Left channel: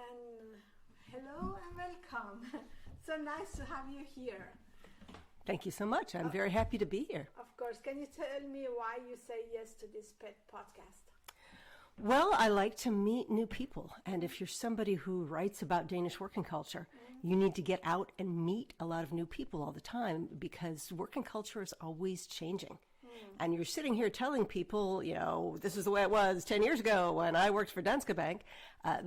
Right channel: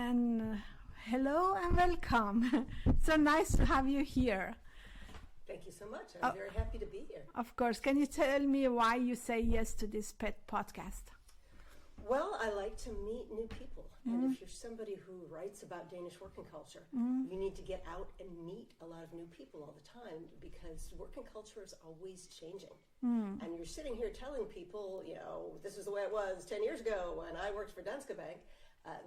and hello and welcome. So nice to have you here. Thank you so much. I'm very happy to be here. Of course. Can you tell me why you say yes to this pet podcast? Well, I like to meet new people. And if you're somebody who writes about Danish working culture, you need to get out and meet a lot of new people all the time because working culture is always changing. And you're sitting here telling people, this is the way it was 10 years ago when I worked for Danske Bank.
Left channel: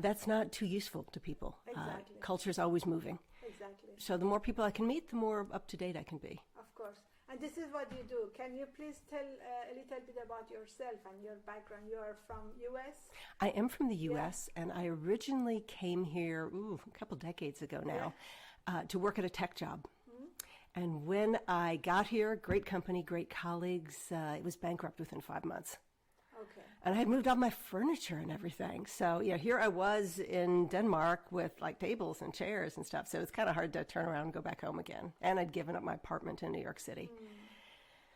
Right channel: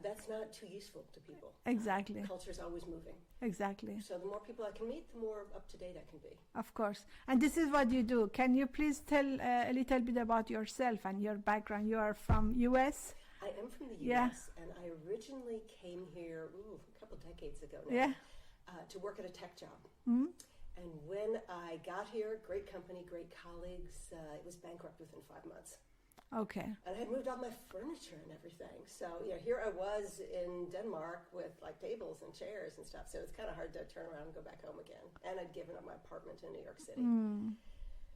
That's not too useful to people. Exactly. Culture is always moving. Exactly. So the more people I can meet, the more up to date I can be. Of course. And this is what you do. Can you please tell a little bit about yourself and your background? You are from U.S.? I am from the U.S. and I originally came here a couple decades ago now to work at a tech job. And when I got here, great company, great colleagues, it was bankrupt within 5 months. Okay. And I had moved all my furniture and everything. So, here I was in Denmark with like tables and chairs and stuff. So it's kind of hard to turn around and go back home again. And I'd given up my apartment in New York City.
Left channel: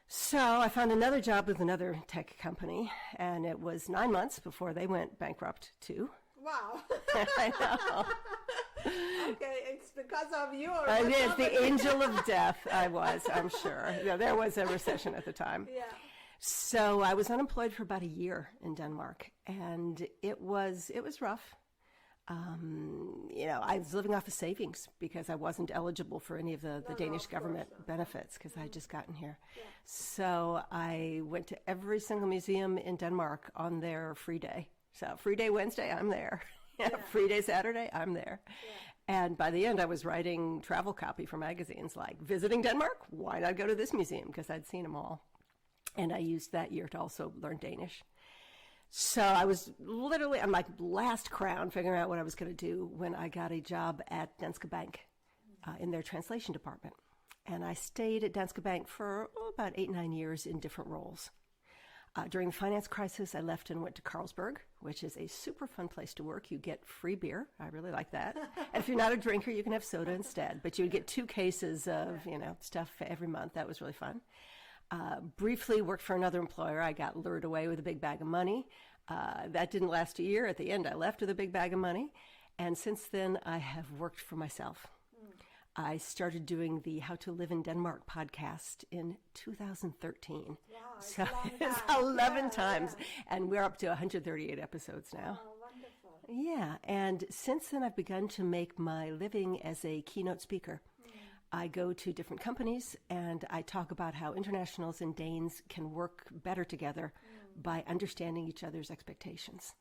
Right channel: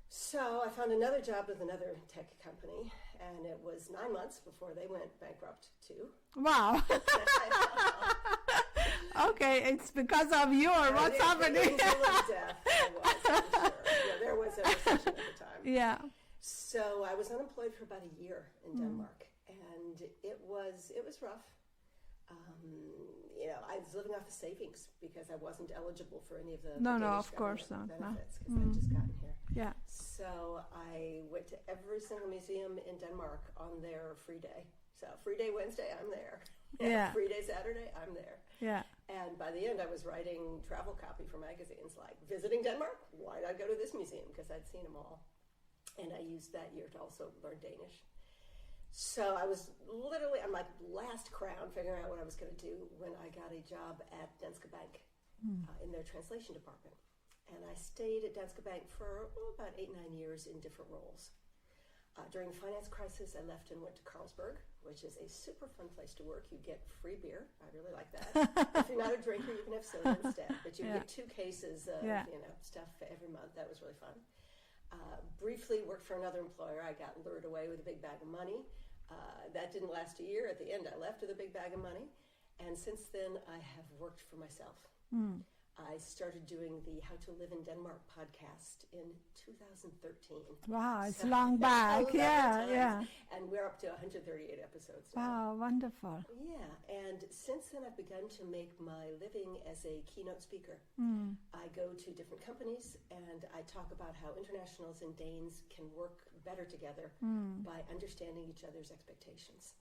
So I found another job with another tech company. And it was 9 months before they went bankrupt too. Wow. I know. Okay, it's because of you or I what's did, happening? the angel of death, I was, I'm sure. There was a recession at the time. Yeah. So I was unemployed for about a year in Denmark, and it was rough. I was living off of savings because I wasn't eligible for any of the Danish government benefits because I had just gotten here. Yeah. So I went to every single museum in Denmark on their free day. So free day Wednesday, I'm there. Free day Saturday, I'm there. Yeah. And by the end, I was writing travel copy for magazines like, visiting Denmark? Why not go to this museum? Because I'd seen them all. And I used that year to also learn Danish. So I was literally on my last crown figuring out what I was going to do when I got a job at Danske Bank in their translation department. And I stayed at Danske Bank for about 8-9 years in different roles. During the finance crisis, I left and went to Carlsberg, which is a super fun place to work. You get free beer. I really like that. If you're not a drinker, you can have soda instead. But you get 2 cases of stuff every month. That was really fun. Briefly worked for another employer. I got lured away with a big bag of money. That didn't last a year. At the end, I left with a big bag of money. And since then, I have worked for myself. I started doing the How to Live in Denmark podcast in 2013. Wow, it's long back. 11 times. And we're up to 138 episodes now. Oh, wonderful. Yeah, and since then I've begun to make my living as a keynote speaker. I go to different companies and I talk about how internationals and Danes can work better together by understanding each other's expectations.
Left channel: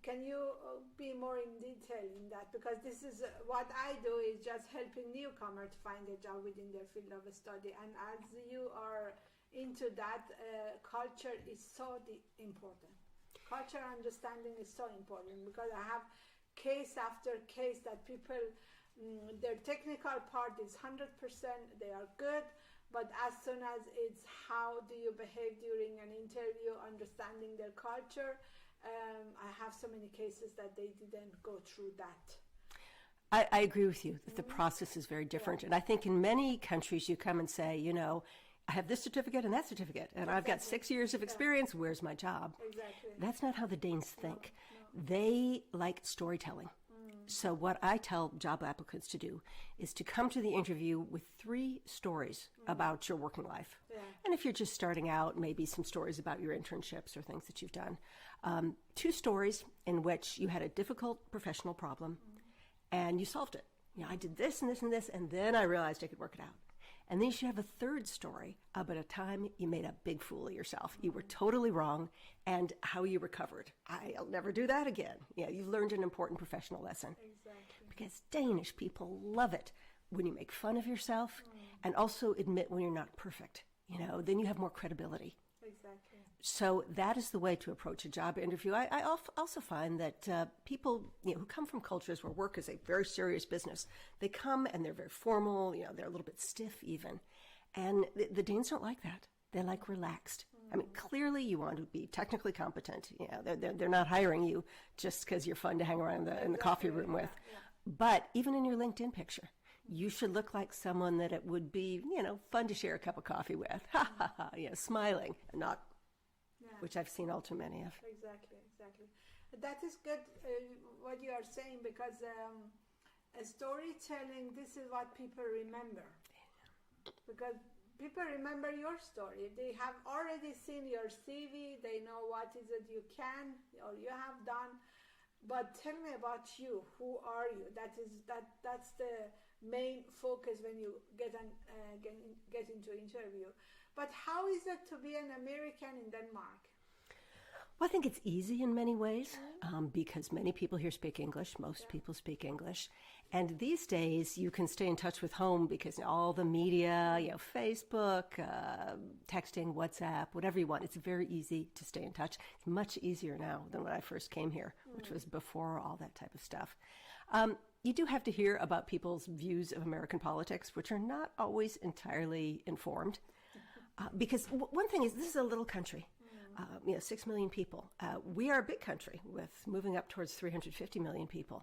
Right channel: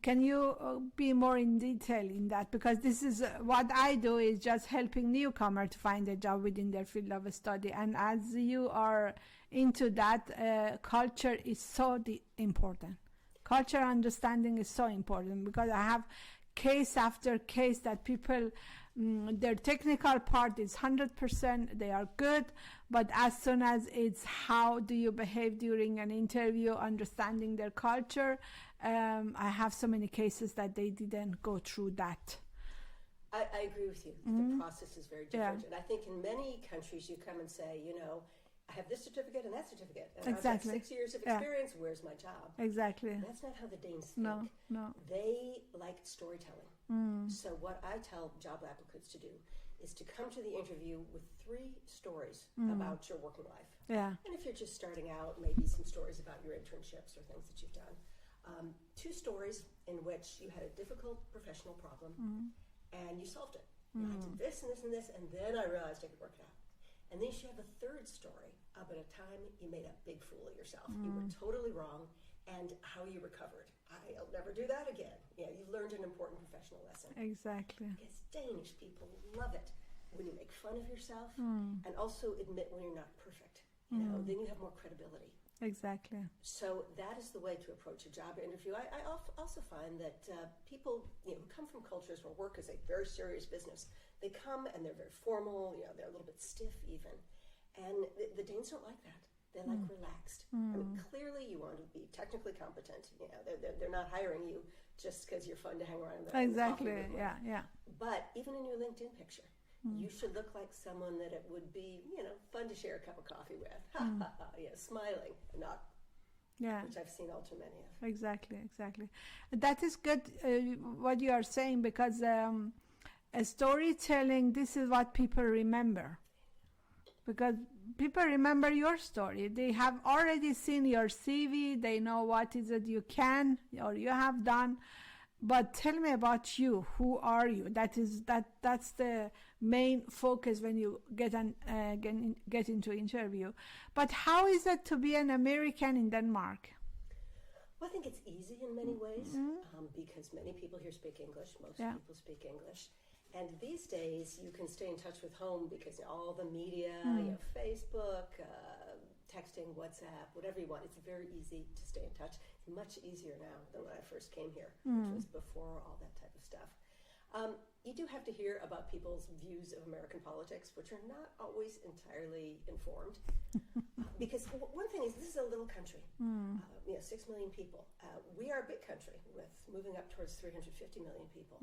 Can you be more in detail in that? Because this is what I do is just helping newcomers to find a job within their field of study. And as you are into that, culture is so important. Culture understanding is so important because I have case after case that people, their technical part is 100%, they are good, but as soon as it's how do you behave during an interview, understanding their culture, I have so many cases that they didn't go through that. I agree with you. The process is very different. And I think in many countries you come and say, I have this certificate and that certificate, and I've got 6 years of experience. Where's my job? Exactly. That's not how the Danes think. No. They like storytelling. So what I tell job applicants to do is to come to the interview with 3 stories about your working life. Yeah. And if you're just starting out, maybe some stories about your internships or things that you've done. 2 stories in which you had a difficult professional problem and you solved it. I did this and this and this, and then I realized I could work it out. And then you should have a 3rd story about a time you made a big fool of yourself. You were totally wrong, and how you recovered. I'll never do that again. You learned an important professional lesson. Exactly. Because Danish people love it when you make fun of yourself and also admit when you're not perfect. Then you have more credibility. Exactly. So that is the way to approach a job interview. I also find that people who come from cultures where work is a very serious business, they come and they're very formal, they're a little bit stiff even. And the Danes don't like that. They like relaxed. I mean, clearly you want to be technically competent. They're not hiring you just because you're fun to hang around in the coffee room with. Yeah. But even in your LinkedIn picture, you should look like someone that it would be, fun to share a cup of coffee with. Smiling, and not Yeah. which I've seen all too many of. Exactly. That is good, what you are saying, because storytelling, this is what people remember. Because people remember your story. They have already seen your CV. They know what is it you can or you have done. But tell me about you. Who are you? That's the main focus when you get into interview. But how is it to be an American in Denmark? Well, I think it's easy in many ways because many people here speak English. Most people speak English. And these days, you can stay in touch with home because all the media, Facebook, texting, WhatsApp, whatever you want, it's very easy to stay in touch. It's much easier now than when I first came here, which was before all that type of stuff. You do have to hear about people's views of American politics, which are not always entirely informed. Because one thing is, this is a little country, 6 million people. We are a big country with moving up towards 350 million people.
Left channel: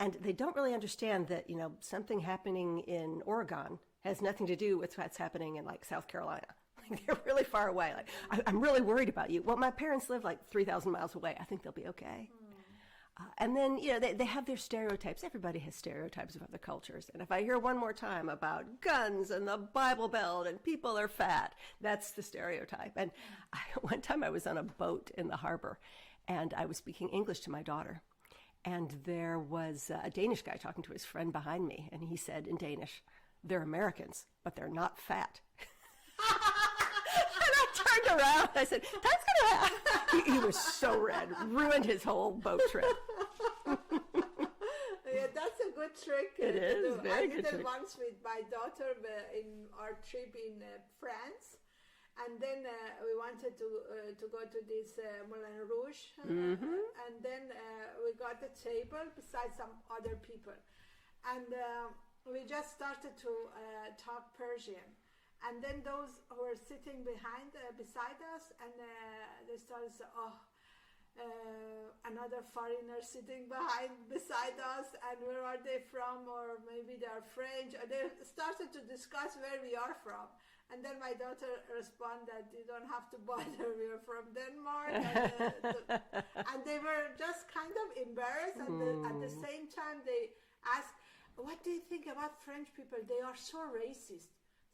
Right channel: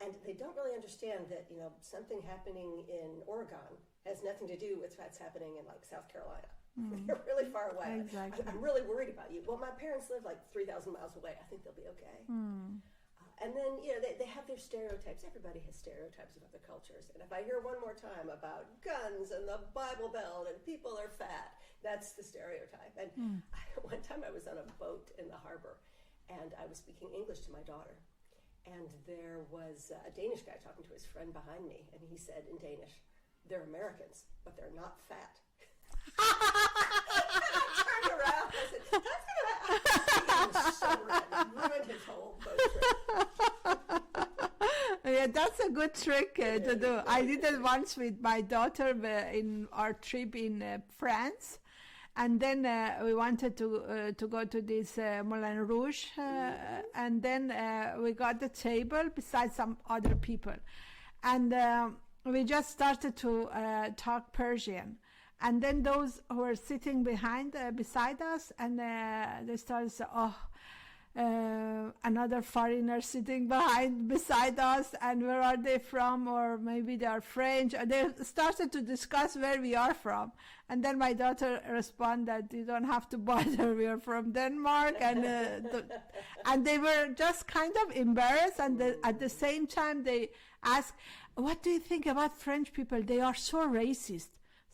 And they don't really understand that, something happening in Oregon has nothing to do with what's happening in, like, South Carolina. They're really far away. Exactly. I'm really worried about you. Well, my parents live, like, 3,000 miles away. I think they'll be okay. And then, they have their stereotypes. Everybody has stereotypes of other cultures. And if I hear one more time about guns and the Bible Belt and people are fat, that's the stereotype. And one time I was on a boat in the harbor, and I was speaking English to my daughter. And there was a Danish guy talking to his friend behind me, and he said in Danish, "They're Americans, but they're not fat." And I turned around, and I said, "That's gonna happen." He was so red, ruined his whole boat trip. Yeah, that's a good trick to do. I did it once with my daughter in our trip in France. And then we wanted to go to this Moulin Rouge, and then we got the table beside some other people, and we just started to talk Persian, and then those who were sitting beside us, and they started to say, "Oh, another foreigner sitting beside us, and where are they from? Or maybe they are French." And they started to discuss where we are from. And then my daughter responded, "You don't have to bother, we are from Denmark." And they were just kind of embarrassed. And at the same time, they asked, "What do you think about French people? They are so racist."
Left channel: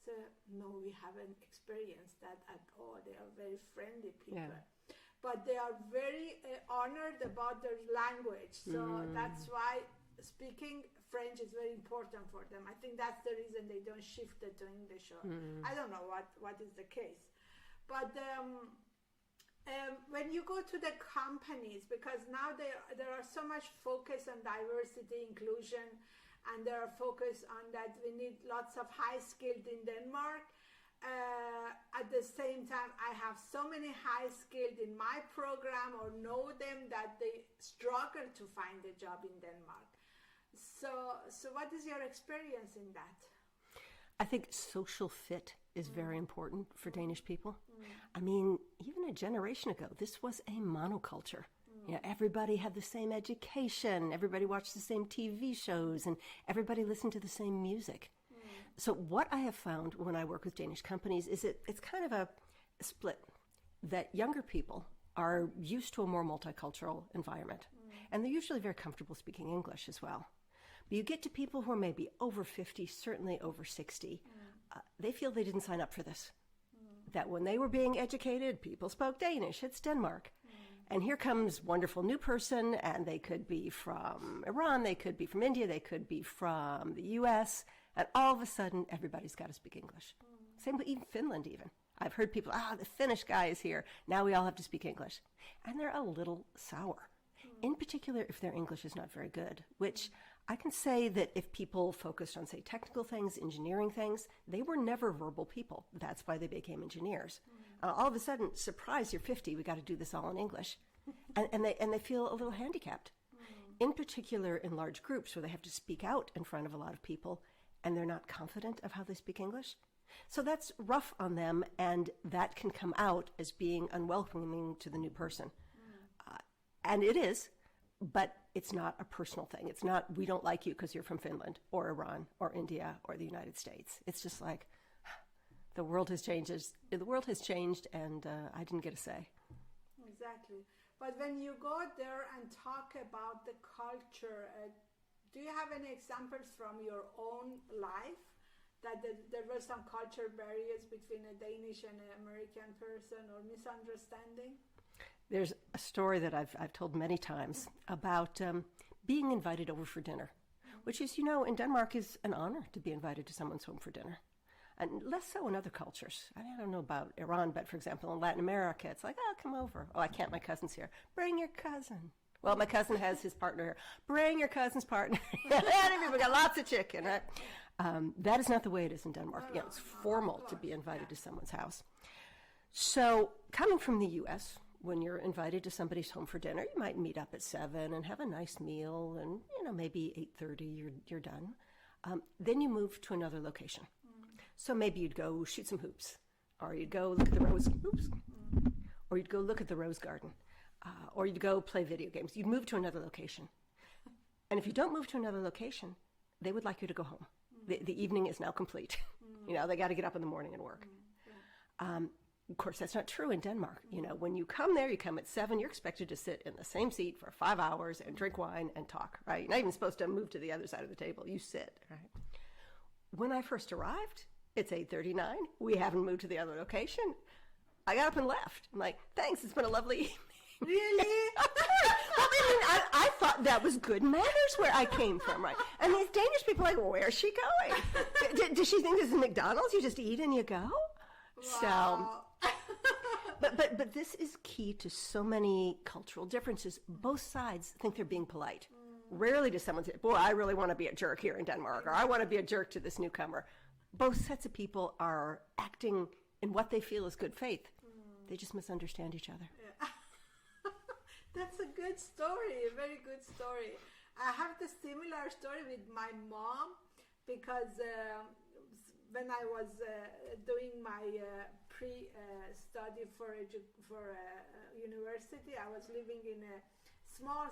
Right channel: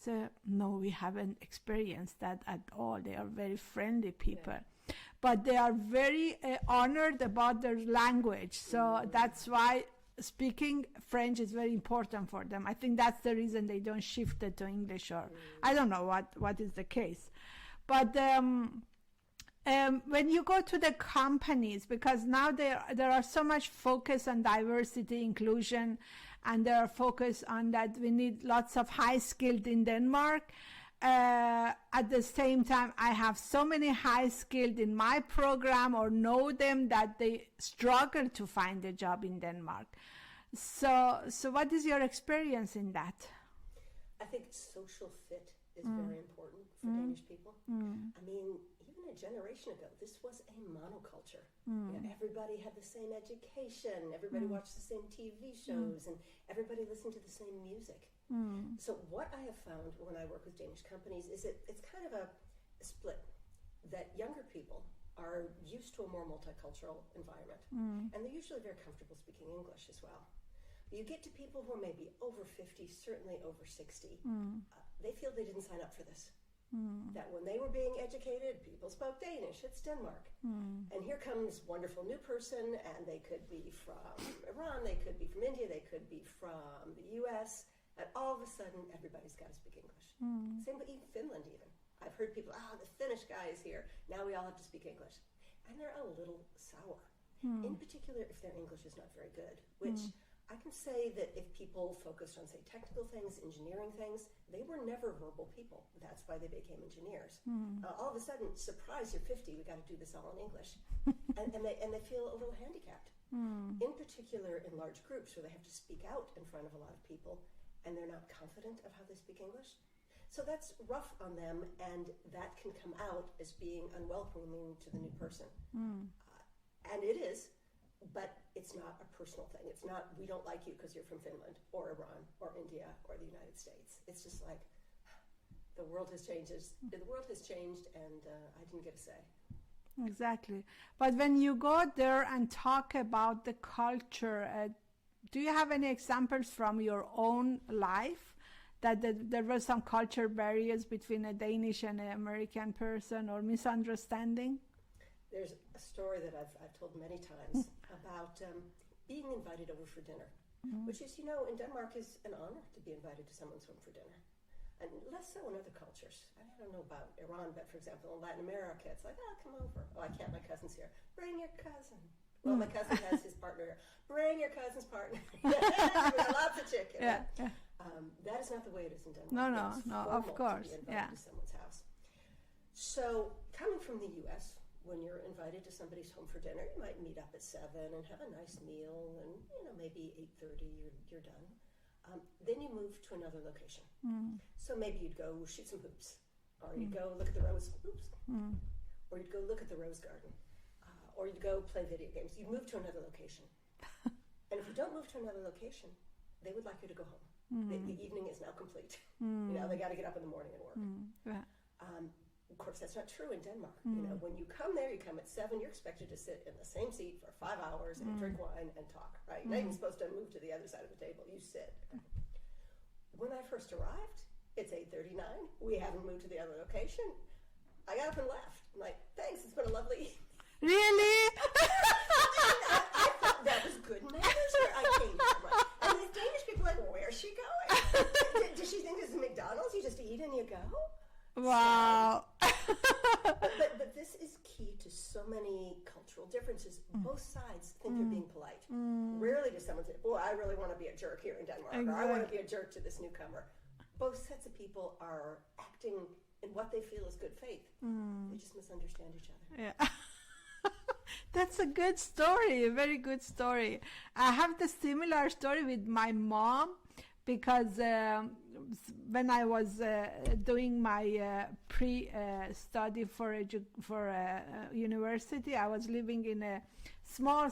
So, no, we haven't experienced that at all. They are very friendly people. Yeah. But they are very honored about their language. So that's why speaking French is very important for them. I think that's the reason they don't shift it to English, or I don't know what is the case. But when you go to the companies, because now there are so much focus on diversity, inclusion, and there are focus on that we need lots of high-skilled in Denmark. At the same time, I have so many high-skilled in my program or know them that they struggle to find a job in Denmark. So what is your experience in that? I think social fit is very important for Danish people. I mean, even a generation ago, this was a monoculture. Everybody had the same education, everybody watched the same TV shows, and everybody listened to the same music. So what I have found when I work with Danish companies is it's kind of a split, that younger people are used to a more multicultural environment, and they're usually very comfortable speaking English as well. But you get to people who are maybe over 50, certainly over 60, they feel they didn't sign up for this. That when they were being educated, people spoke Danish, it's Denmark. And here comes wonderful new person, and they could be from Iran, they could be from India, they could be from the US, and all of a sudden, everybody's got to speak English. Same with even Finland even. I've heard people, the Finnish guy is here, now we all have to speak English. And they're a little sour. In particular, if their English is not very good, which I can say that if people focused on, say, technical things, engineering things, they were never verbal people. That's why they became engineers. All of a sudden, surprise, you're 50, we got to do this all in English. and they feel a little handicapped. In particular, in large groups where they have to speak out in front of a lot of people, and they're not confident of how they speak English. So that's rough on them, and that can come out as being unwelcoming to the new person. And it is. But it's not a personal thing. It's not, we don't like you because you're from Finland or Iran or India or the United States. It's just like, the world has changed. The world has changed, and I didn't get a say. Exactly. But when you go there and talk about the culture, do you have any examples from your own life that there were some culture barriers between a Danish and an American person or misunderstanding? There's a story that I've told many times about being invited over for dinner, which is, you know, in Denmark is an honor to be invited to someone's home for dinner. And less so in other cultures. I don't know about Iran, but for example, in Latin America, it's like, oh, come over. Oh, I can't, my cousin's here. Bring your cousin. Well, my cousin has his partner here. Bring your cousin's partner. We got lots of chicken. Yeah. Right? That is not the way it is in Denmark. No, It's no, formal of course. to be invited Yeah. to someone's house. So coming from the U.S., when you're invited to somebody's home for dinner, you might meet up at 7 and have a nice meal, and you know maybe 8:30 you're done. Then you move to another location. So maybe you'd go shoot some hoops, or you'd go look at the or you'd go look at the rose garden, or you'd go play video games. You'd move to another location. And if you don't move to another location, they would like you to go home. The evening is now complete. You know, they got to get up in the morning and work. Yeah. Of course, that's not true in Denmark. You know, when you come there, you come at 7, you're expected to sit in the same seat for 5 hours and drink wine and talk, right? You're not even supposed to move to the other side of the table. You sit, right? When I first arrived, it's 8:39. We haven't moved to the other location. I got up and left. I'm like, thanks, it's been a lovely evening. Really? I thought that was good manners where I came from, right? And these Danish people are like, where's she going? Does she think this is McDonald's? You just eat and you go? Wow. So, but this is key to so many cultural differences. Both sides think they're being polite. Rarely does someone say, boy, I really want to be a jerk here in Denmark, or I want to be a jerk to this newcomer. Both sets of people are acting in what they feel is good faith. They just misunderstand each other. Yeah. That's a good story, a very good story. I have the similar story with my mom because when I was doing my pre-study for university, I was living in a small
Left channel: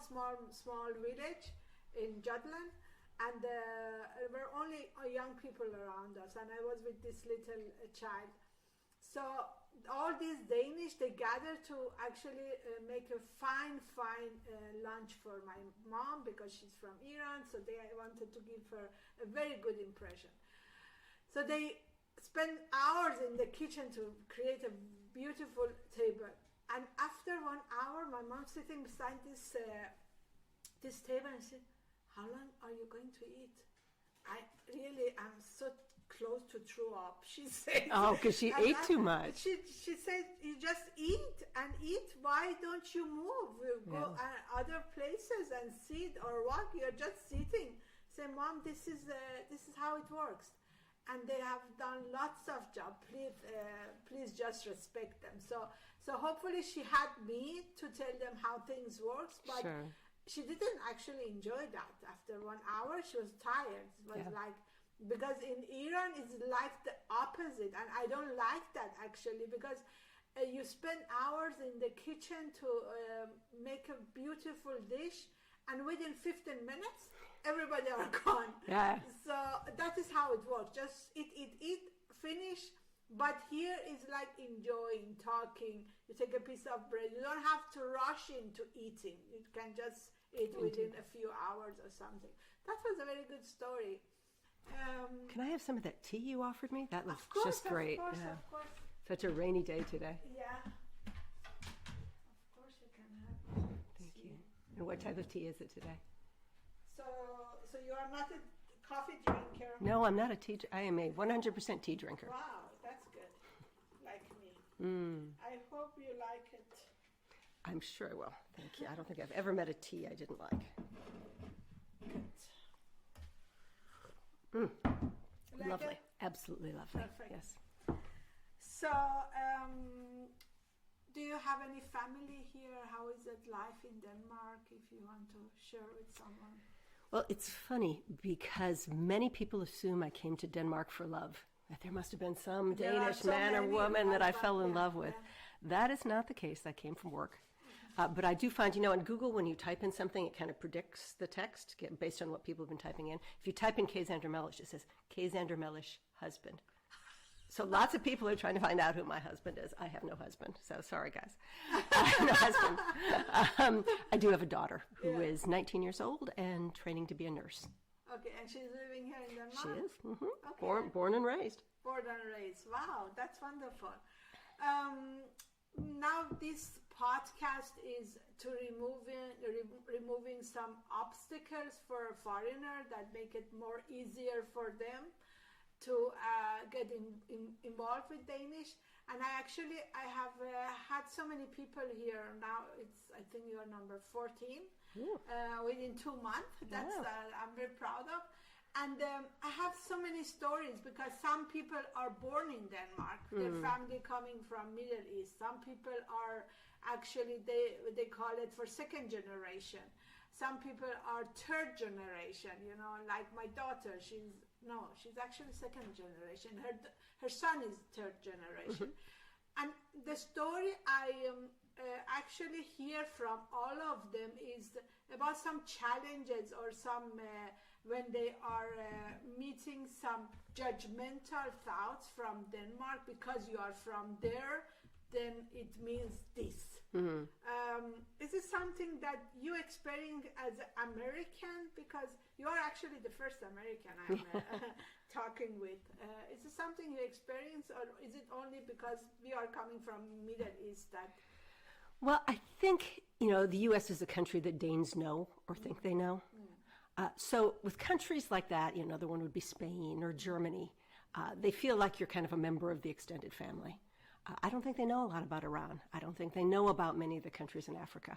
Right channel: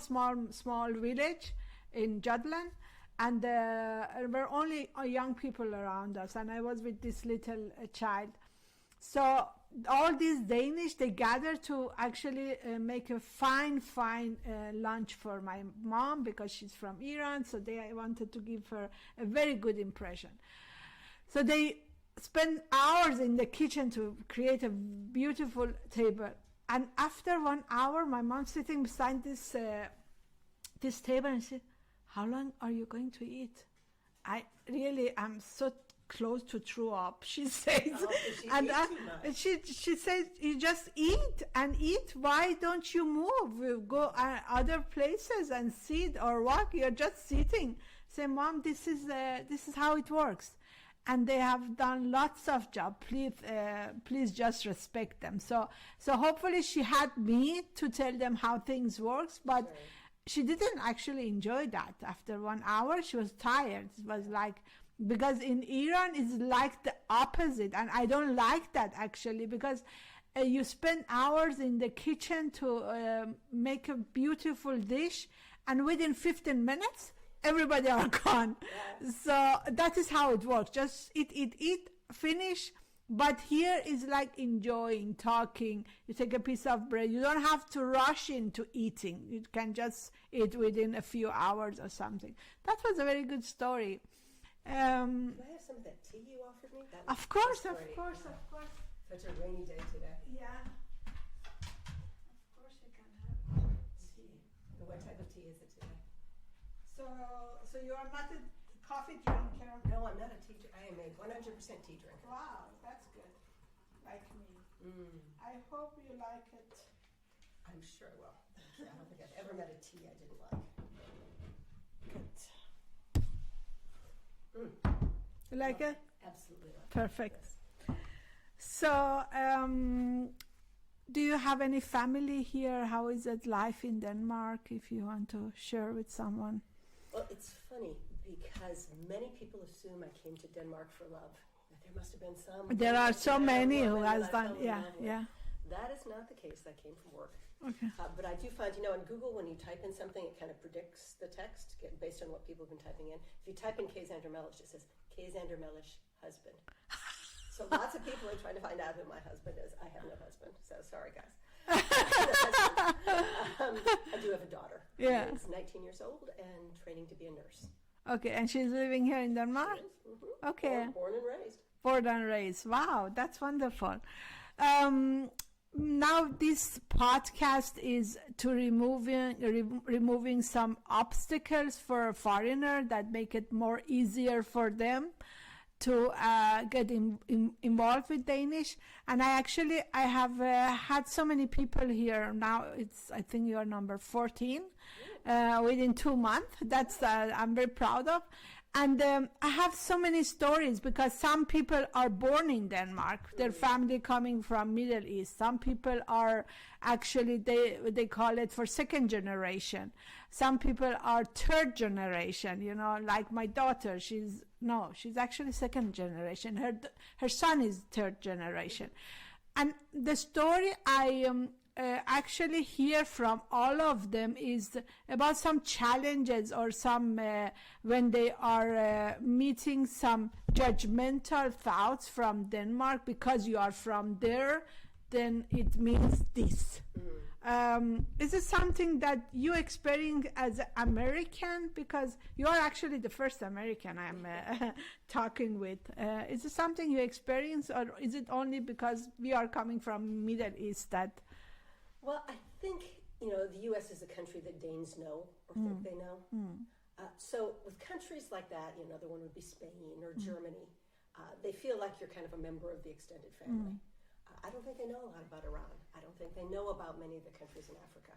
village in Jutland, and there were only young people around us, and I was with this little child. So all these Danish, they gathered to actually make a fine lunch for my mom because she's from Iran, so they wanted to give her a very good impression. So they spent hours in the kitchen to create a beautiful table. And after 1 hour, my mom sitting beside this table and said, "How long are you going to eat?" I really am so close to throw up, she says. Oh, because she ate too much. She said, "You just eat and eat. Why don't you move? You go other places and sit or walk. You're just sitting." Say, "Mom, this is how it works." And they have done lots of job. Please just respect them. So hopefully she had me to tell them how things works, but Sure. she didn't actually enjoy that. After 1 hour, she was tired. It was like, because in Iran it's like the opposite, and I don't like that actually, because you spend hours in the kitchen to make a beautiful dish, and within 15 minutes everybody are gone. Yeah. So that is how it works. Just eat, finish. But here is like enjoying, talking. You take a piece of bread. You don't have to rush into eating. You can just eat within a few hours or something. That was a very good story. Can I have some of that tea you offered me? That looks Of course, just great. of course, Yeah. of course. Such a rainy day today. Yeah. Of course you can have Thank you. And what type of tea is it today? So you are not a coffee drinker? No, I'm not a tea. I am a 100% tea drinker. Wow, that's good. Like me. I hope you like it. I'm sure I will. Thank you. I don't think I've ever met a tea I didn't like. Good. You like Lovely. it? Absolutely love it. Perfect. Yes. So, do you have any family here? How is it life in Denmark, if you want to share with someone? Well, it's funny because many people assume I came to Denmark for love. That there must have been some There are Danish so man or many who woman has that I done- fell in yeah, love with. yeah. That is not the case. I came from work. Okay. But I do find, on Google, when you type in something, it kind of predicts the text based on what people have been typing in. If you type in Kay Xander Mellish, it says Kay Xander Mellish, husband. So lots of people are trying to find out who my husband is. I have no husband, so sorry, guys. I have no husband. I do have a daughter who is 19 years old and training to be a nurse. Okay, and she's living here in Denmark? She is. Mm-hmm. Okay. Born and raised. Born and raised. Wow, that's wonderful. Now this podcast is to removing some obstacles for a foreigner that make it more easier for them to get involved with Danish. And I have had so many people here now. I think you are number 14 within 2 months. That's I'm very proud of. And I have so many stories because some people are born in Denmark, their family coming from Middle East. Some people are actually, they call it for second generation. Some people are third generation, you know, like my daughter, she's actually second generation. Her son is third generation. And the story I actually hear from all of them is about some challenges or some when they are meeting some judgmental thoughts from Denmark because you are from there, then it means this. Is it something that you experience as an American? Because you are actually the first American I'm talking with. Is it something you experience, or is it only because we are coming from Middle East that... Well, I think, the U.S. is a country that Danes know or think they know. So with countries like that, another one would be Spain or Germany. They feel like you're kind of a member of the extended family. I don't think they know a lot about Iran. I don't think they know about many of the countries in Africa.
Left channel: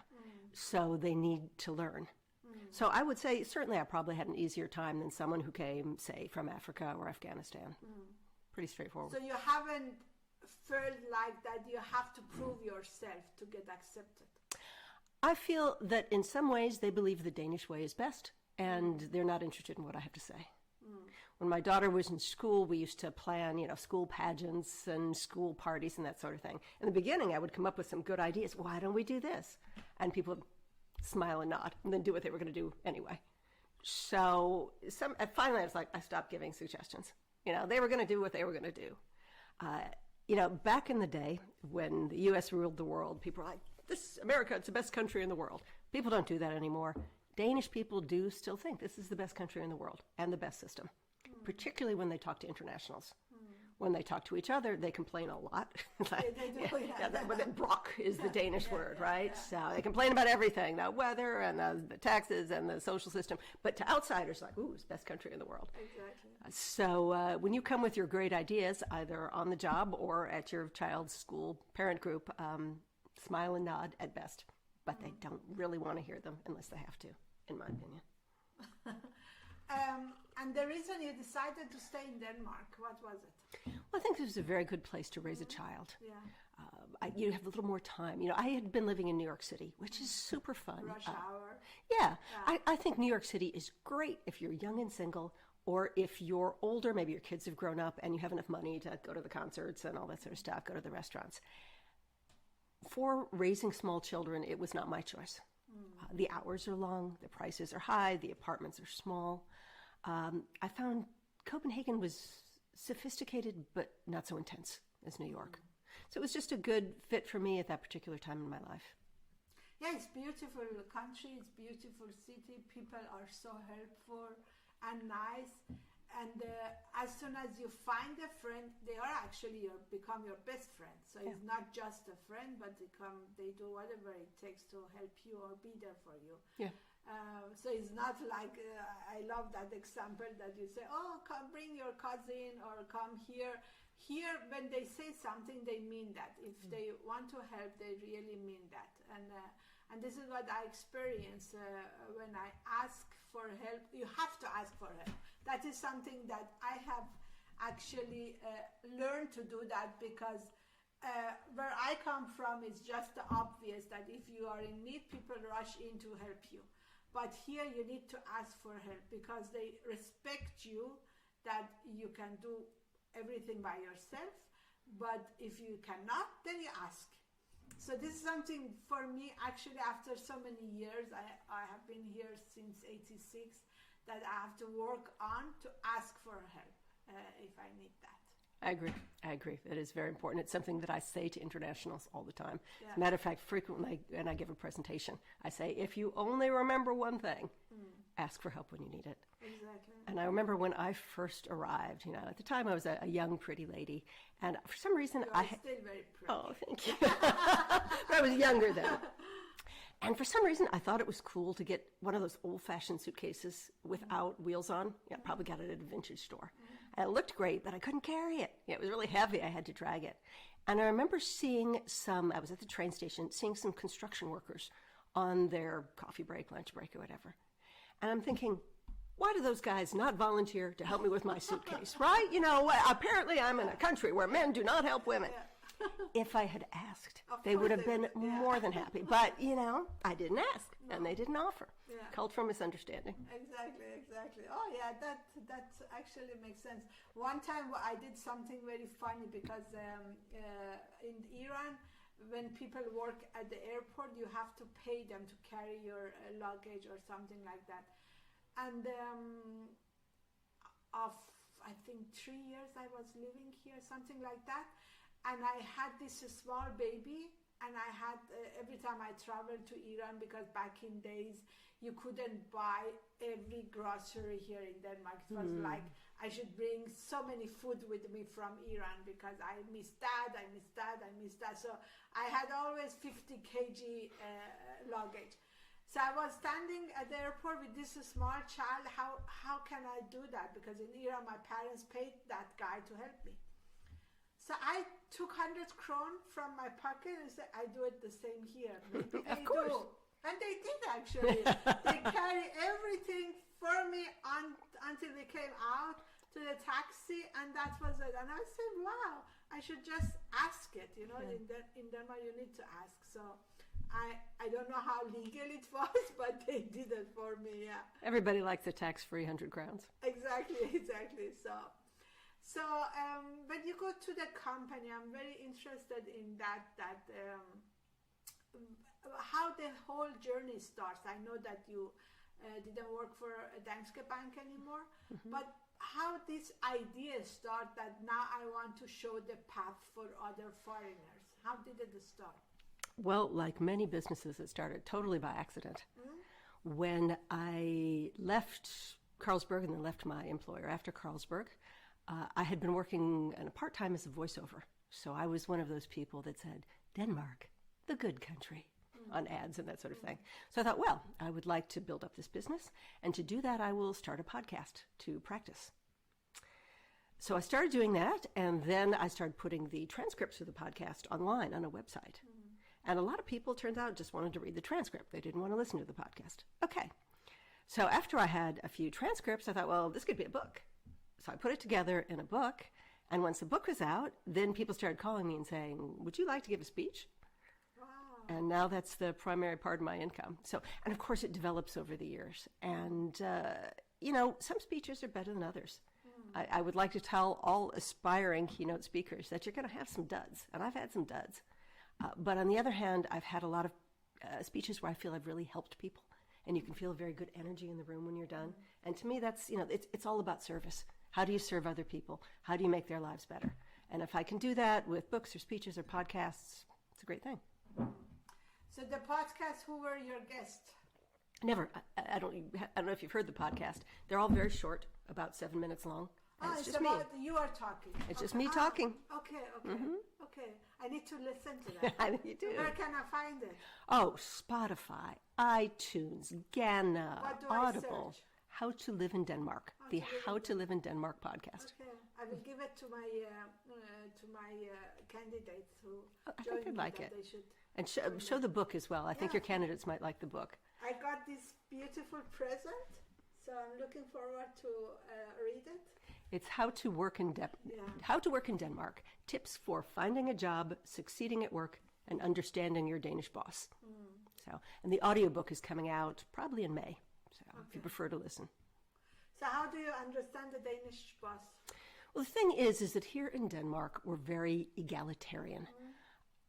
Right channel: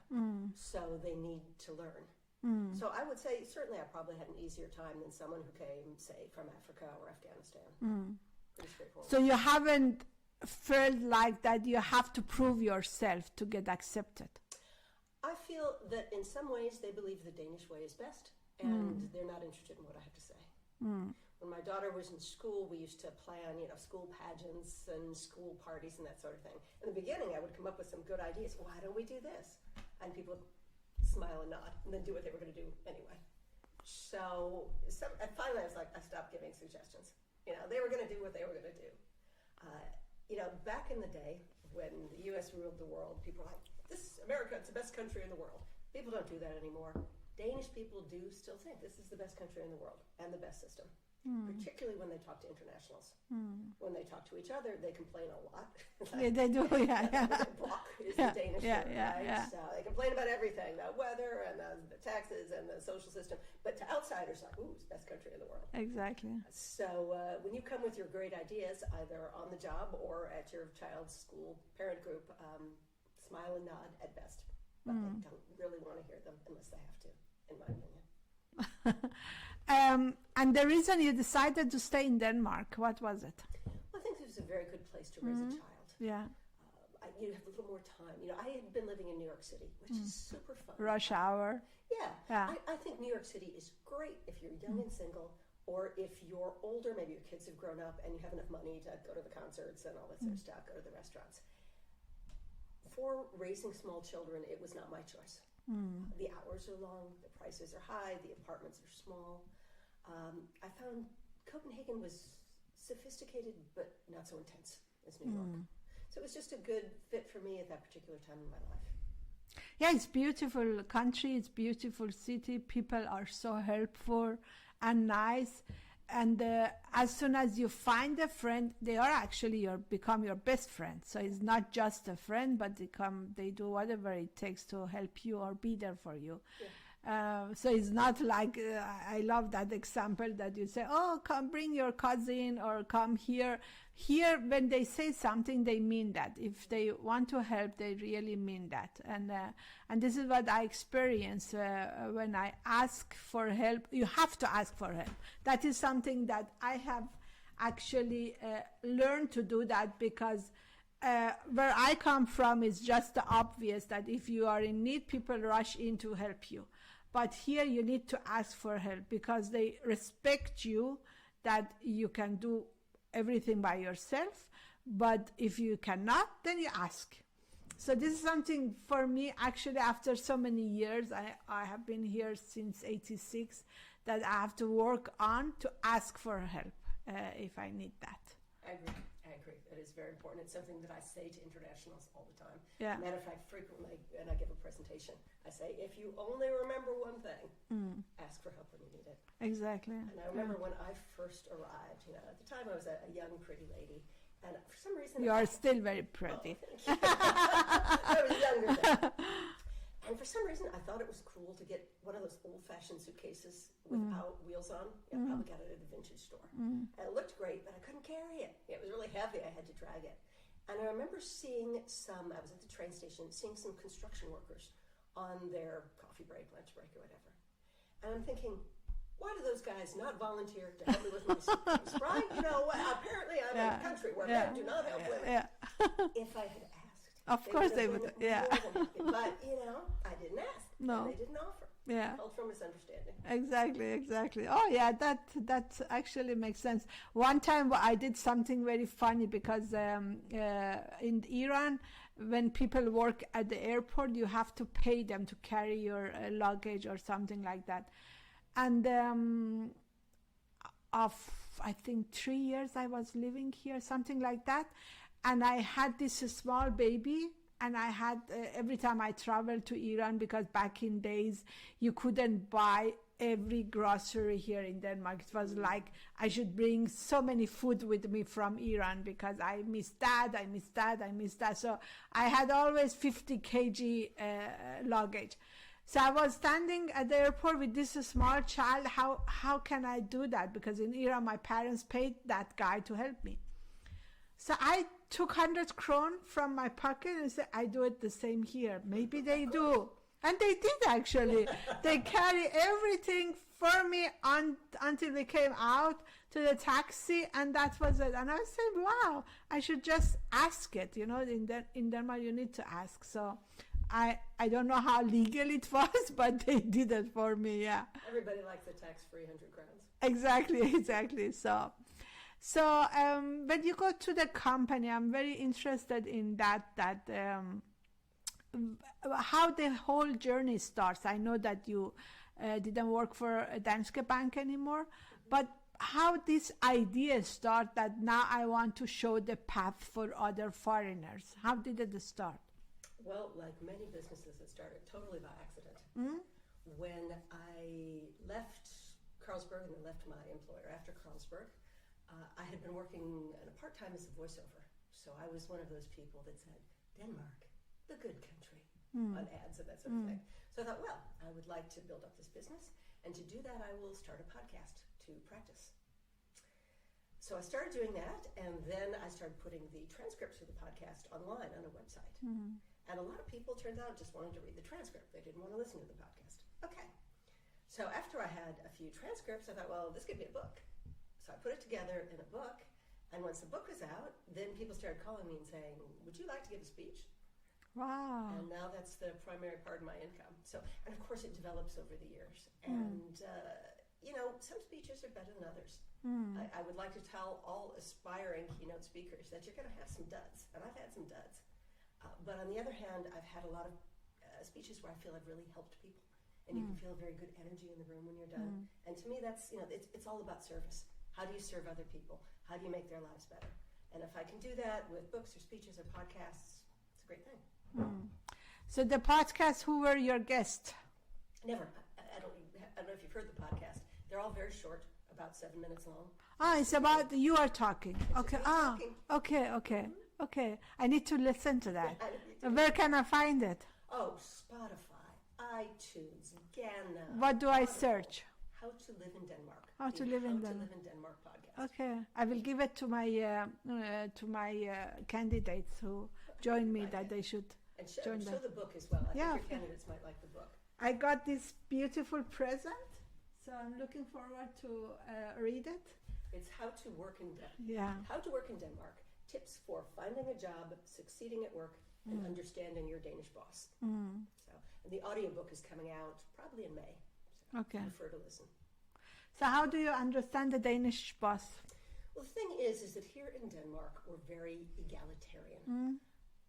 So they need to learn. So I would say, certainly I probably had an easier time than someone who came, say, from Africa or Afghanistan. Pretty straightforward. So you haven't felt like that you have to prove yourself to get accepted? I feel that in some ways they believe the Danish way is best, and they're not interested in what I have to say. When my daughter was in school, we used to plan, school pageants and school parties and that sort of thing. In the beginning, I would come up with some good ideas. Why don't we do this? And people would smile and nod and then do what they were going to do anyway. So finally, I stopped giving suggestions. They were going to do what they were going to do. Back in the day when the U.S. ruled the world, people were like, America, it's the best country in the world. People don't do that anymore. Danish people do still think this is the best country in the world and the best system, particularly when they talk to internationals. When they talk to each other, they complain a lot. They do, Brock is the Danish word, right? Yeah. So they complain about everything, the weather and the taxes and the social system. But to outsiders, like, ooh, it's the best country in the world. Exactly. So when you come with your great ideas, either on the job or at your child's school parent group, smile and nod at best. But they don't really want to hear them unless they have to, in my opinion. And the reason you decided to stay in Denmark, what was it? Well, I think this was a very good place to raise a child. Yeah. You have a little more time. I had been living in New York City, which is super fun. Rush hour. Yeah. I think New York City is great if you're young and single, or if you're older, maybe your kids have grown up and you have enough money to go to the concerts and all that sort of stuff, go to the restaurants. For raising small children, it was not my choice. The hours are long, the prices are high, the apartments are small. I found Copenhagen was sophisticated but not so intense as New York. So it was just a good fit for me at that particular time in my life. Yeah, it's beautiful country, it's beautiful city. People are so helpful and nice. And as soon as you find a friend, they are actually become your best friend. So it's not just a friend, but they do whatever it takes to help you or be there for you. Yeah. So it's not like, I love that example that you say, oh, come bring your cousin or come here. Here, when they say something, they mean that. If they want to help, they really mean that. And this is what I experience when I ask for help. You have to ask for help. That is something that I have actually learned to do that, because where I come from is just the obvious that if you are in need, people rush in to help you. But here you need to ask for help because they respect you, that you can do everything by yourself. But if you cannot, then you ask. So this is something for me, actually, after so many years, I have been here since '86, that I have to work on to ask for help if I need that. I agree. I agree. That is very important. It's something that I say to internationals all the time. Yeah. Matter of fact, frequently, when I give a presentation, I say, if you only remember one thing, ask for help when you need it. Exactly. And I remember when I first arrived, at the time I was a young, pretty lady, and for some reason You are still very pretty. Oh, thank you. I was younger then. And for some reason, I thought it was cool to get one of those old-fashioned suitcases without wheels on. Probably got it at a vintage store. And it looked great, but I couldn't carry it. It was really heavy. I had to drag it. And I remember seeing I was at the train station, seeing some construction workers on their coffee break, lunch break, or whatever. And I'm thinking, why do those guys not volunteer to help me with my suitcase, right? Apparently I'm in a country where men do not help women. Yeah. If I had asked, they would have been more than happy. But, I didn't ask, and they didn't offer. Yeah. Called for misunderstanding. Exactly. Oh, yeah, that actually makes sense. One time I did something very funny because in Iran, when people work at the airport, you have to pay them to carry your luggage or something like that. And of, I think, 3 years I was living here, something like that. And I had this small baby, and I had, every time I traveled to Iran, because back in days, you couldn't buy every grocery here in Denmark. It was like I should bring so many food with me from Iran because I missed that. So I had always 50 kg luggage. So I was standing at the airport with this small child. How can I do that? Because in Iran, my parents paid that guy to help me. So I took 100 kron from my pocket and said, I do it the same here. Maybe they do. And they did, actually. They carry everything for me until we came out to the taxi, and that was it. And I said, wow, I should just ask it. In Denmark, you need to ask. So I don't know how legal it was, but they did it for me, yeah. Everybody likes a tax-free 100 crowns. Exactly. So when you go to the company, I'm very interested in that how the whole journey starts. I know that you didn't work for Danske Bank anymore, but how this idea start that now I want to show the path for other foreigners? How did it start? Well, like many businesses, it started totally by accident. When I left Carlsberg and then left my employer after Carlsberg, I had been working in a part-time as a voiceover. So I was one of those people that said, Denmark, the good country, on ads and that sort of thing. So I thought, well, I would like to build up this business. And to do that, I will start a podcast to practice. So I started doing that, and then I started putting the transcripts of the podcast online on a website. And a lot of people, turned out, just wanted to read the transcript. They didn't want to listen to the podcast. Okay. So after I had a few transcripts, I thought, well, this could be a book. So I put it together in a book, and once the book was out, then people started calling me and saying, would you like to give a speech? Wow. And now that's the primary part of my income. So, and of course it develops over the years. And, some speeches are better than others. I would like to tell all aspiring keynote speakers that you're going to have some duds, and I've had some duds. But on the other hand, I've had a lot of speeches where I feel I've really helped people, and you can feel a very good energy in the room when you're done. And to me, that's, it's all about service. How do you serve other people? How do you make their lives better? And if I can do that with books or speeches or podcasts, it's a great thing. So the podcast, who were your guests? Never. I don't know if you've heard the podcast. They're all very short, about 7 minutes long. It's about me. You are talking. It's just me talking. Okay. I need to listen to that. Where can I find it? Oh, Spotify, iTunes, Ghana. What do Audible. I search? How to Live in Denmark. How to Live in Denmark podcast. Okay, I will give it to my candidates who join me that they should. And show the book as well. I think your candidates might like the book. I got this beautiful present, so I'm looking forward to read it. It's How to Work in How to Work in Denmark. Tips for finding a job, succeeding at work, and understanding your Danish boss. And the audiobook is coming out probably in May. So if you prefer to listen. So how do you understand the Danish boss? Well, the thing is that here in Denmark, we're very egalitarian.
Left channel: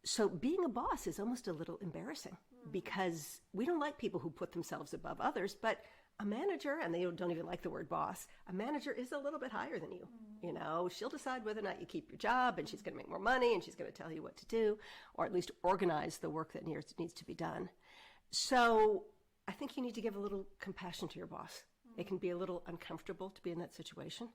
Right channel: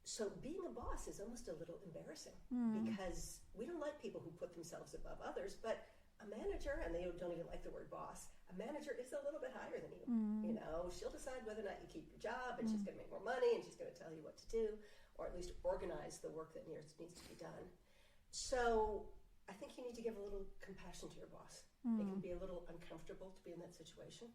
So being a boss is almost a little embarrassing because we don't like people who put themselves above others, but a manager, and they don't even like the word boss, a manager is a little bit higher than you. You know, she'll decide whether or not you keep your job, and she's going to make more money, and she's going to tell you what to do, or at least organize the work that needs to be done. So I think you need to give a little compassion to your boss. It can be a little uncomfortable to be in that situation.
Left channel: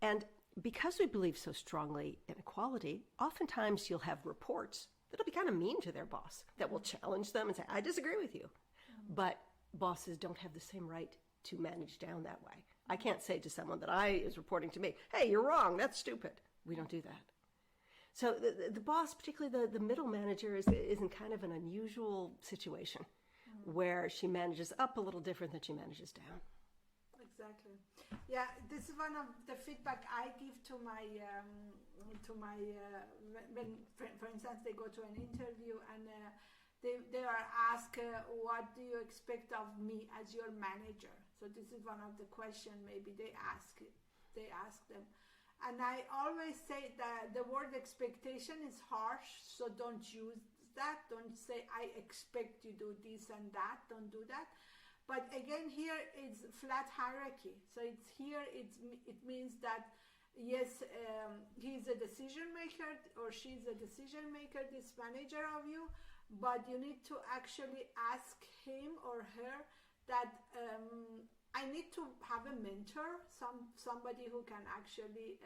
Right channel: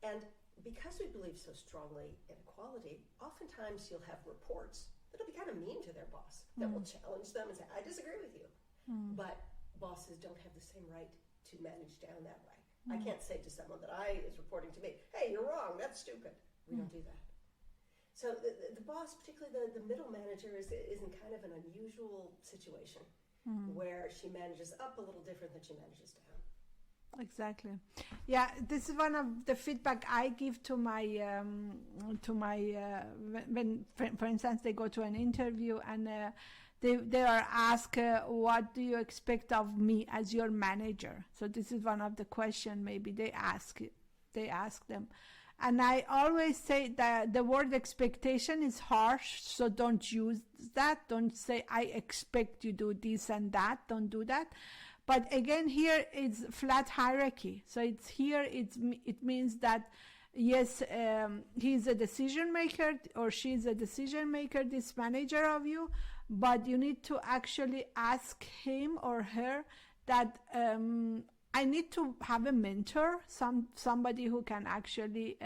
And because we believe so strongly in equality, oftentimes you'll have reports that'll be kind of mean to their boss, that will challenge them and say, I disagree with you. But bosses don't have the same right to manage down that way. I can't say to someone that is reporting to me, hey, you're wrong, that's stupid. We don't do that. So the boss, particularly the middle manager, is in kind of an unusual situation where she manages up a little different than she manages down. Exactly. Yeah, this is one of the feedback I give to my when, for instance, they go to an interview and they are asked, what do you expect of me as your manager? So this is one of the questions maybe they ask them. And I always say that the word expectation is harsh, so don't use that. Don't say, I expect you do this and that. Don't do that. But again, here it's flat hierarchy. So it means that, yes, he's a decision maker or she's a decision maker, this manager of you, but you need to actually ask him or her that I need to have a mentor, somebody who can actually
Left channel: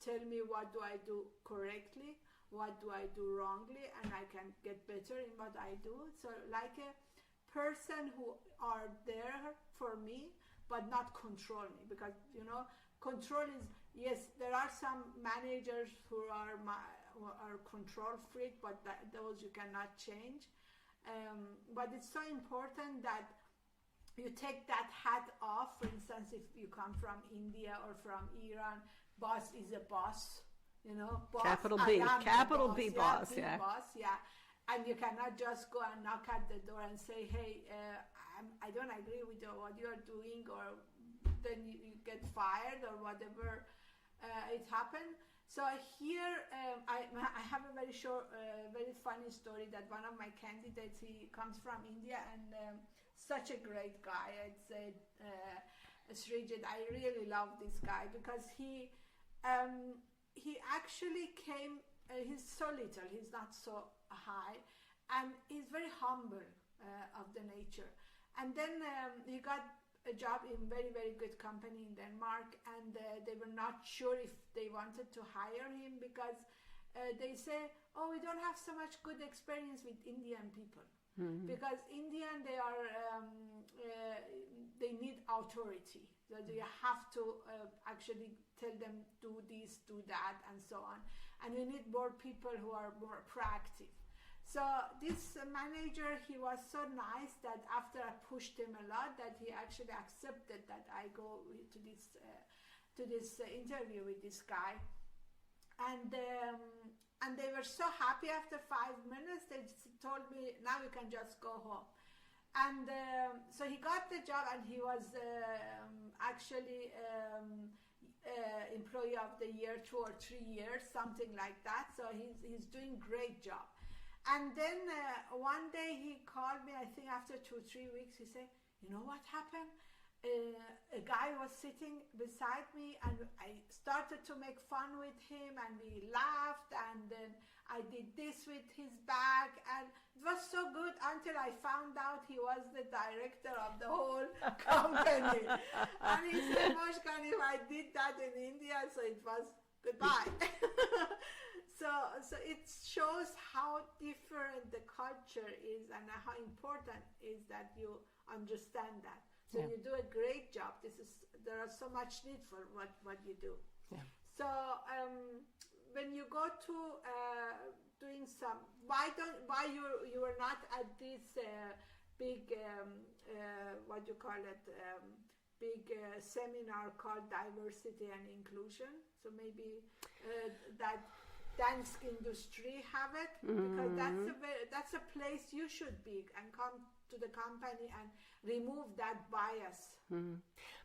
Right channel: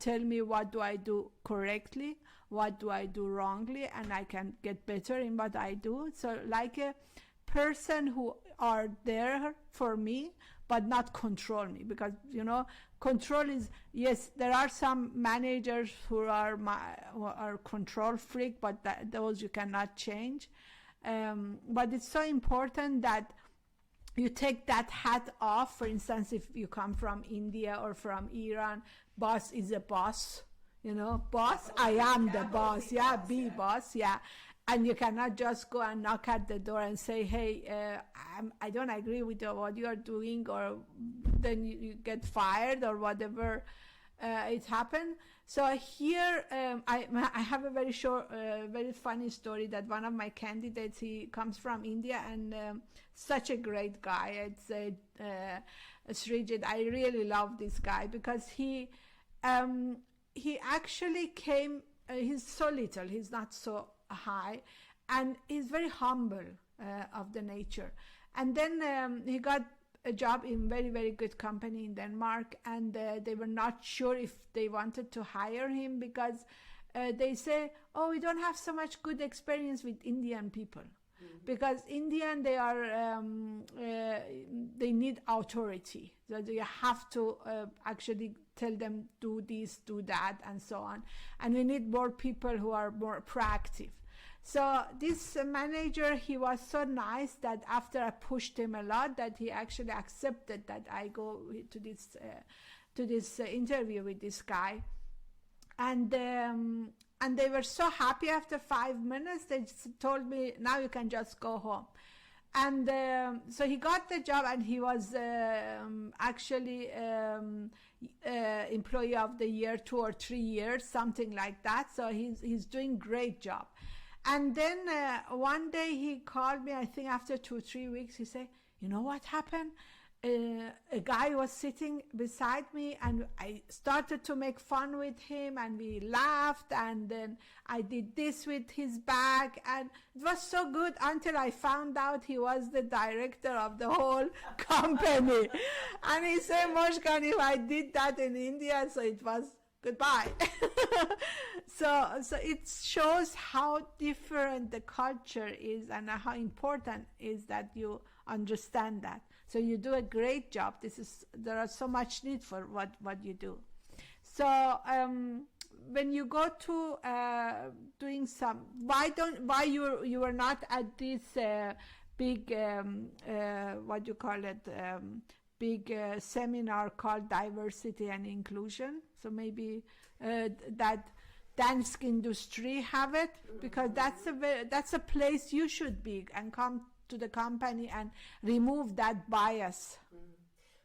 tell me what do I do correctly, what do I do wrongly, and I can get better in what I do. So like a person who are there for me but not control me, because control is, yes, there are some managers who are control freak, but those you cannot change, but it's so important that you take that hat off. For instance, if you come from India or from Iran, boss is a boss, boss, Capital I B, am the boss, B yeah, boss, B yeah. boss, yeah. And you cannot just go and knock at the door and say, hey, I don't agree with what you are doing, or then you get fired or whatever it happened. So here I have a very short, very funny story that one of my candidates, he comes from India, and such a great guy. I'd say Srijit, I really love this guy because he actually came, he's so little, he's not so high, and he's very humble of the nature. And then he got a job in very, very good company in Denmark, and they were not sure if they wanted to hire him because they say, oh, we don't have so much good experience with Indian people. Because Indian, they are they need authority, so you have to actually tell them do this, do that, and so on, and we need more people who are more proactive. So this manager, he was so nice that after I pushed him a lot, that he actually accepted that I go to this interview with this guy, and they were so happy. After 5 minutes, they just told me, now you can just go home. And so he got the job, and he was actually employee of the year 2 or 3 years, something like that. So he's doing great job. And then one day he called me, I think after 2 or 3 weeks, he said, you know what happened? A guy was sitting beside me, and I started to make fun with him, and we laughed, and then I did this with his bag, and it was so good until I found out he was the director of the whole company. And he said, Moshkan, if I did that in India, so it was goodbye. So it shows how different the culture is, and how important is that you understand that. So you do a great job. There are so much need for what you do. Yeah. So when you go to doing some, why you were not at this big what you call it, big seminar called Diversity and Inclusion? So maybe that dance industry have it, because that's a place you should be and come to the company and remove that bias.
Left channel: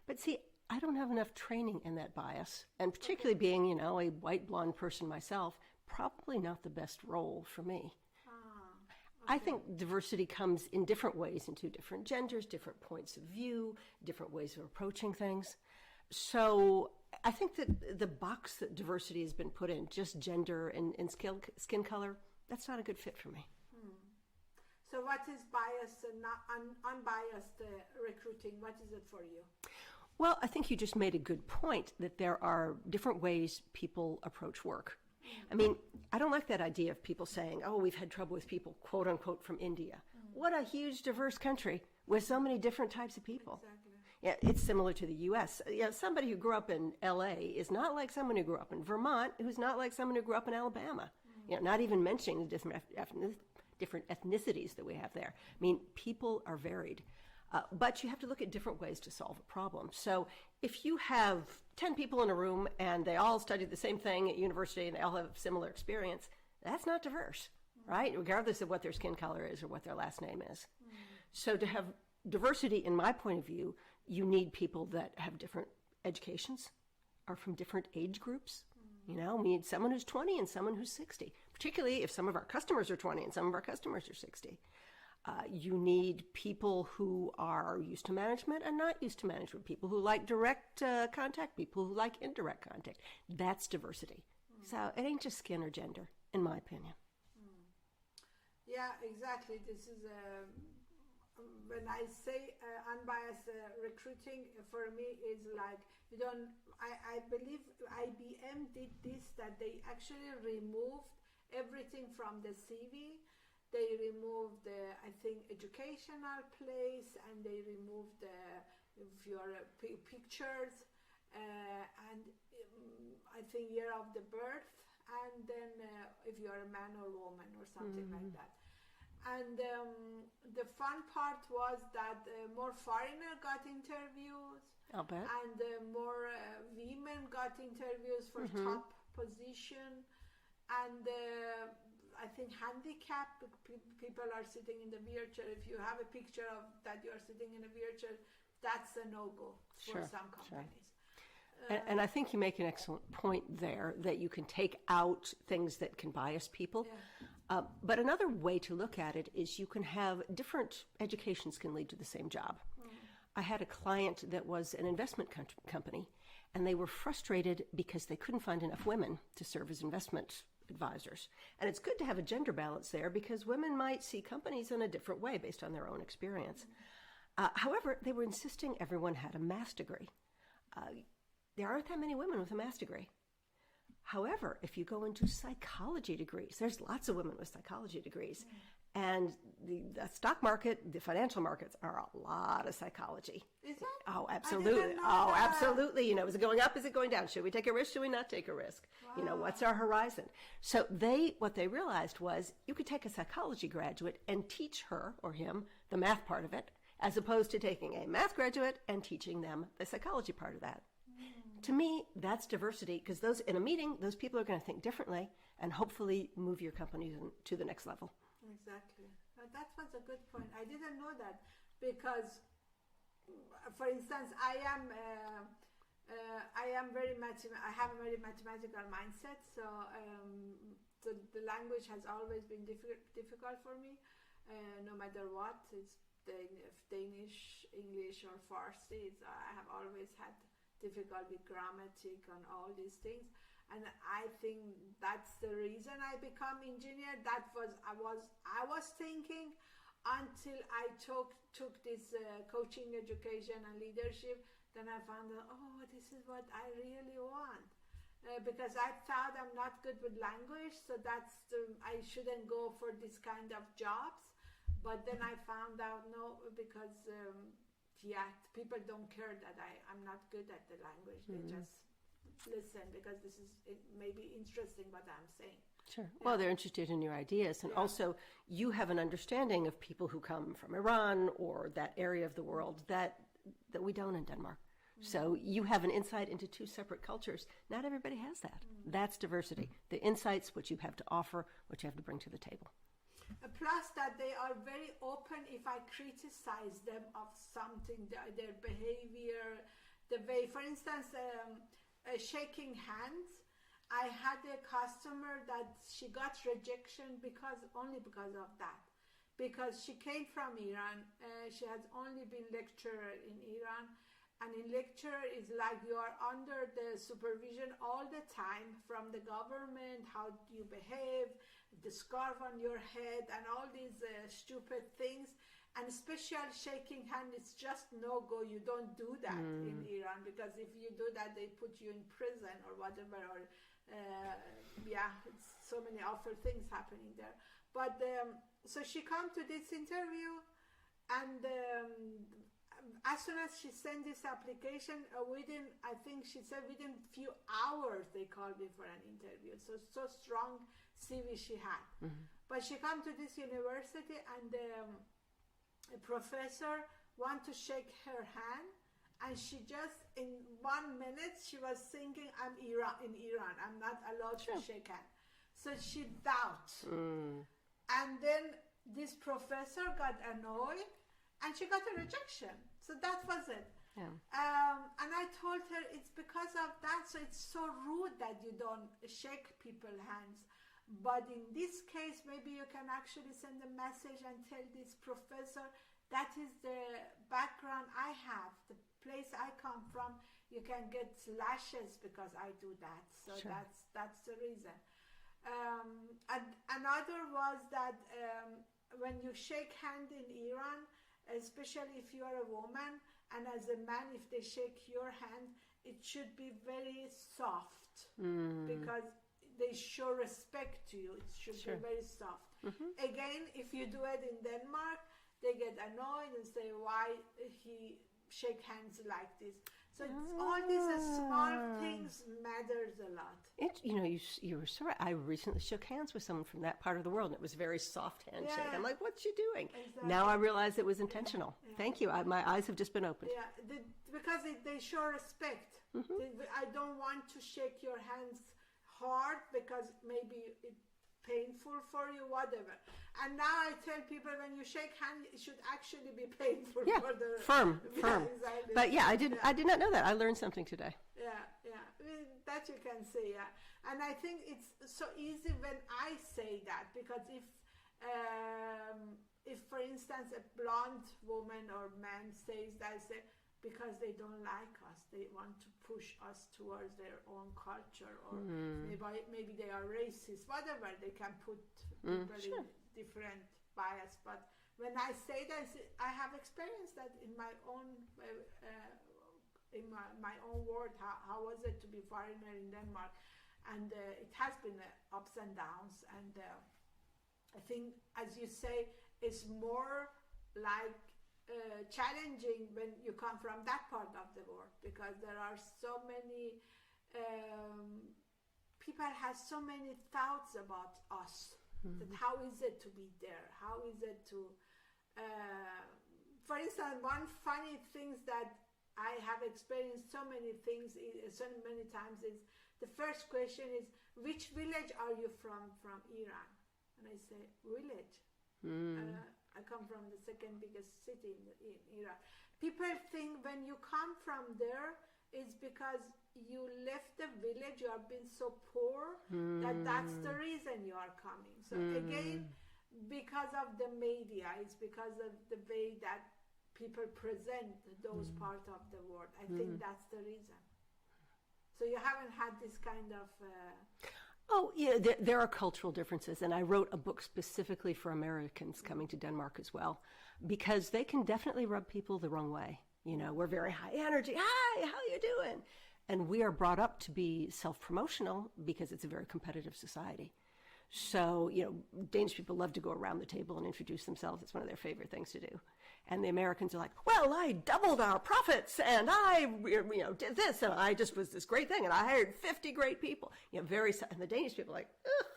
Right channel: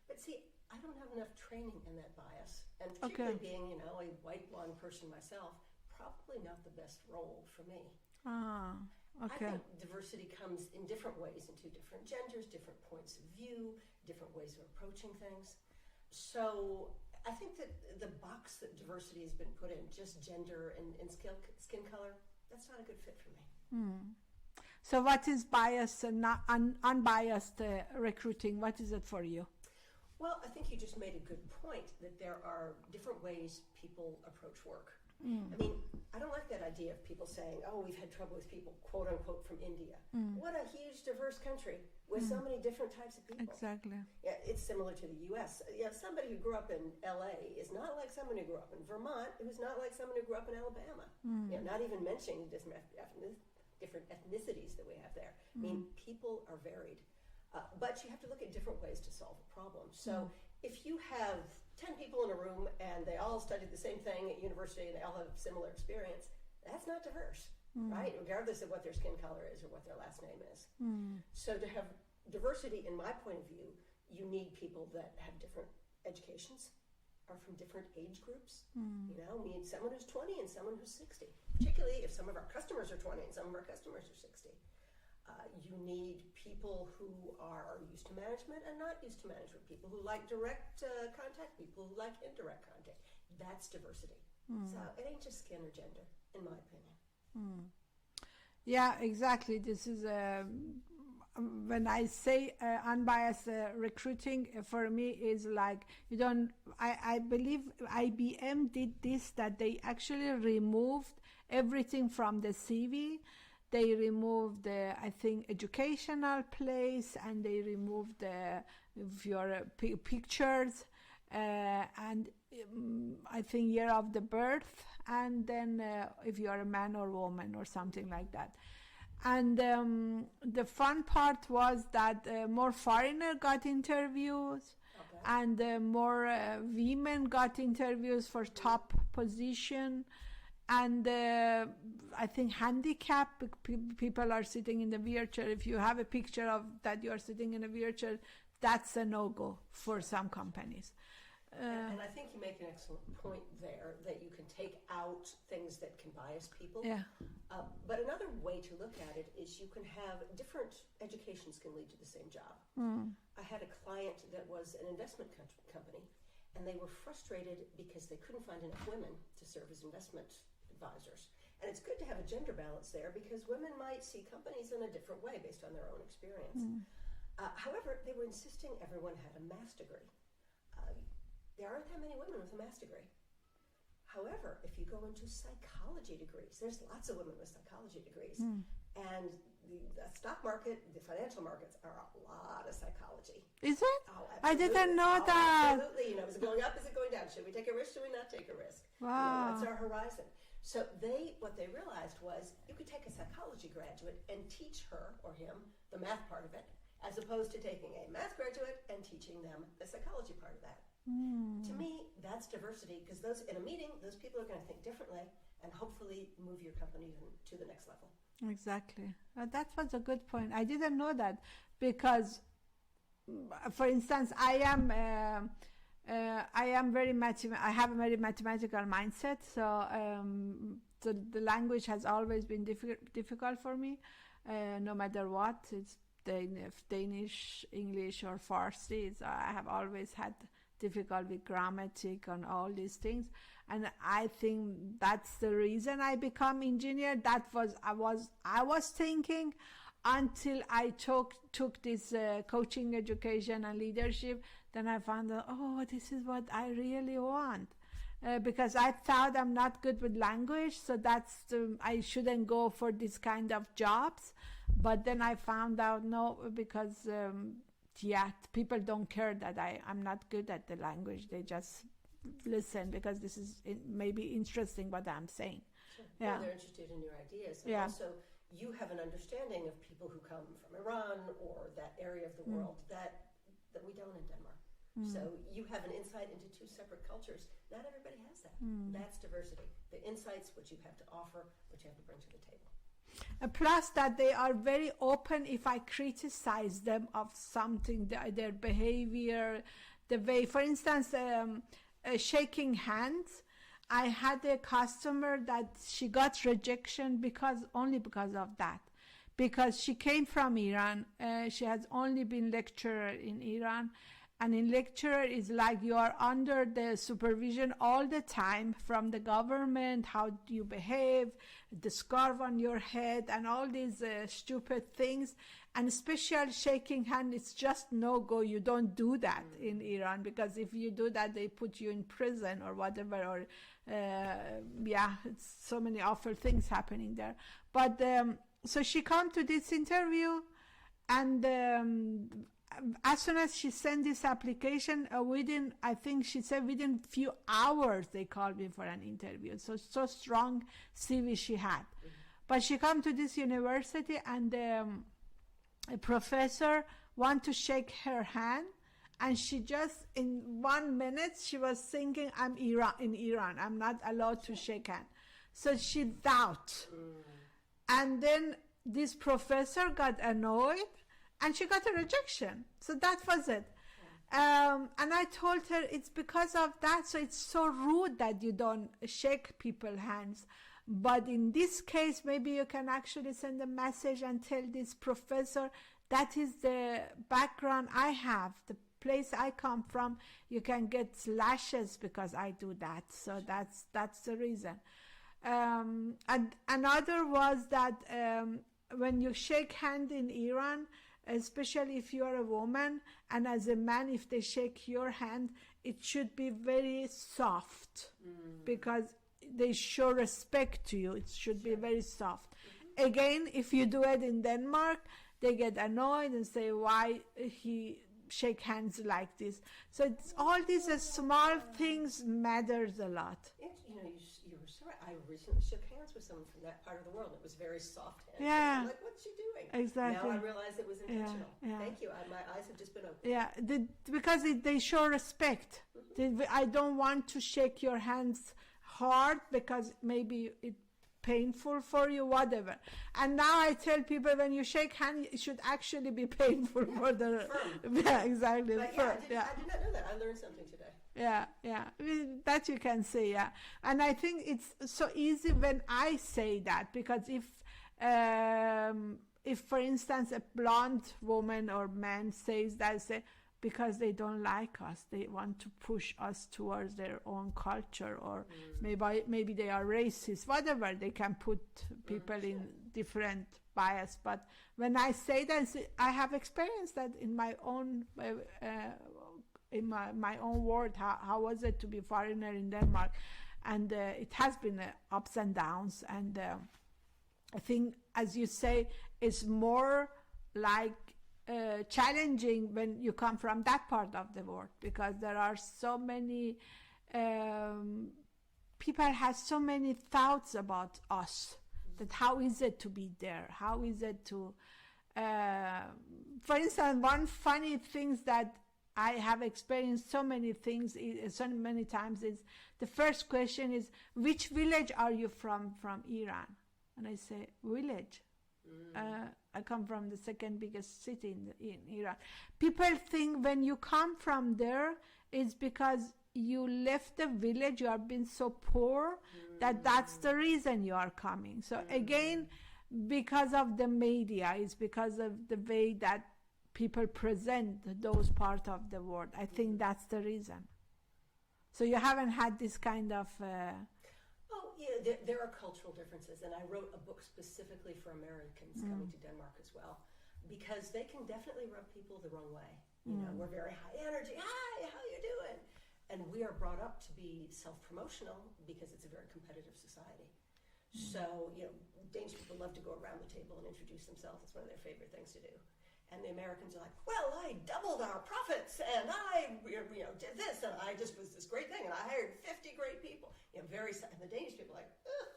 But see, I don't have enough training in that bias, and particularly being, a white blonde person myself, probably not the best role for me. I think diversity comes in different ways into different genders, different points of view, different ways of approaching things. So I think that the box that diversity has been put in, just gender and skin color, that's not a good fit for me. So what is biased and not unbiased recruiting? What is it for you? Well, I think you just made a good point that there are different ways people approach work. I mean, I don't like that idea of people saying, oh, we've had trouble with people, quote unquote, from India. What a huge, diverse country with so many different types of people. Exactly. Yeah, it's similar to the U.S. Somebody who grew up in L.A. is not like someone who grew up in Vermont, who's not like someone who grew up in Alabama. Not even mentioning the different ethnicities that we have there. I mean, people are varied. But you have to look at different ways to solve a problem. So if you have 10 people in a room and they all studied the same thing at university and they all have similar experience, that's not diverse, right? Regardless of what their skin color is or what their last name is. So to have diversity, in my point of view, you need people that have different educations, are from different age groups. We need someone who's 20 and someone who's 60, particularly if some of our customers are 20 and some of our customers are 60. You need people who are used to management and not used to management, people who like direct contact, people who like indirect contact. That's diversity. So it ain't just skin or gender, in my opinion. Yeah, exactly. This is when I say unbiased recruiting, for me is like you don't. I believe IBM did this, that they actually removed everything from the CV. They removed the, I think, educational place, and they removed your pictures, and I think year of the birth, and then if you are a man or woman or something like that. And the fun part was that more foreigner got interviews, and more women got interviews for top position, and I think handicap people are sitting in the wheelchair. If you have a picture of that you are sitting in a wheelchair, that's a no-go for some companies. And I think you make an excellent point there, that you can take out things that can bias people. But another way to look at it is you can have different educations can lead to the same job. I had a client that was an investment company, and they were frustrated because they couldn't find enough women to serve as investment advisors. And it's good to have a gender balance there, because women might see companies in a different way based on their own experience. However, they were insisting everyone had a master's degree. There aren't that many women with a master's degree. However, if you go into psychology degrees, there's lots of women with psychology degrees. And the stock market, the financial markets are a lot of psychology. Is it? Oh, absolutely. I didn't know that. Absolutely. Is it going up? Is it going down? Should we take a risk? Should we not take a risk? Wow. What's our horizon? So what they realized was you could take a psychology graduate and teach her or him the math part of it, as opposed to taking a math graduate and teaching them the psychology part of that. To me, that's diversity, because in a meeting, those people are going to think differently and hopefully move your company to the next level. Exactly. That was a good point. I didn't know that, because, for instance, I have a very mathematical mindset. So the language has always been difficult for me, no matter what. It's Danish, English, or Farsi. So I have always had difficult with grammatic and all these things, and I think that's the reason I become engineer. That was I was thinking until I took this coaching education and leadership. Then I found out, this is what I really want, because I thought I'm not good with language, so I shouldn't go for this kind of jobs. But then I found out no, because people don't care that I'm not good at the language. They just listen because this is maybe interesting what I'm saying. Sure. Yeah. Well, they're interested in your ideas. And also, you have an understanding of people who come from Iran or that area of the world that we don't in Denmark. So you have an insight into two separate cultures. Not everybody has that. That's diversity. The insights, what you have to offer, what you have to bring to the table. Plus that they are very open if I criticize them of something, their behavior, the way, for instance, shaking hands. I had a customer that she got rejection only because of that. because she came from Iran. She has only been lecturer in Iran. And in lecturer is like you are under the supervision all the time from the government, how do you behave, the scarf on your head, and all these stupid things. And especially shaking hand, it's just no go. You don't do that in Iran, because if you do that, they put you in prison or whatever. Or it's so many awful things happening there. But so she come to this interview, and as soon as she sent this application, I think she said within few hours they called me for an interview. So strong CV she had. But she come to this university, and a professor want to shake her hand, and she just in 1 minute she was thinking, I'm in Iran, I'm not allowed to shake hand. So she doubt. And then this professor got annoyed, and she got a rejection. So that was it. And I told her it's because of that. So it's so rude that you don't shake people's hands. But in this case, maybe you can actually send a message and tell this professor that is the background I have, the place I come from. You can get lashes because I do that. So that's the reason. And another was that when you shake hand in Iran, especially if you are a woman, and as a man, if they shake your hand, it should be very soft, because they show respect to you. It should be very soft. Again, if you do it in Denmark, they get annoyed and say, why he shake hands like this? So it's all these small things matters a lot. You were so right. I recently shook hands with someone from that part of the world, and it was a very soft handshake. I'm like, what's she doing? Exactly. Now I realize it was intentional. Thank you. My eyes have just been opened. Yeah, because they show respect. I don't want to shake your hands hard because maybe it's painful for you, whatever. And now I tell people, when you shake hands, it should actually be painful for the firm. Yeah, exactly. But I did not know that. I learned something today. Yeah, that you can say. And I think it's so easy when I say that, because if for instance a blonde woman or man says that, say, because they don't like us, they want to push us towards their own culture, or maybe they are racist, whatever, they can put people in different bias. But when I say that, I have experienced that in my own my own world. How was it to be foreigner in Denmark? And it has been ups and downs, and I think, as you say, it's more like challenging when you come from that part of the world, because there are so many people have so many thoughts about us, that how is it to be there, how is it to for instance, one funny things that I have experienced so many times is, the first question is, which village are you from Iran? And I say, village. I come from the second biggest city in Iran. People think when you come from there, it's because you left the village, you have been so poor, that's the reason you are coming. So again, because of the media, it's because of the way that people present those parts of the world. I think that's the reason. So you haven't had this kind of... Oh, yeah, there are cultural differences, and I wrote a book specifically for Americans coming to Denmark as well, because they can definitely rub people the wrong way. We're very high energy. Hi, how you doing? And we are brought up to be self-promotional because it's a very competitive society. So, Danish people love to go around the table and introduce themselves. It's one of their favorite things to do. And the Americans are like, well, I doubled our profits, and I, did this, and I just was this great thing, and I hired 50 great people. And the Danish people are like, ugh,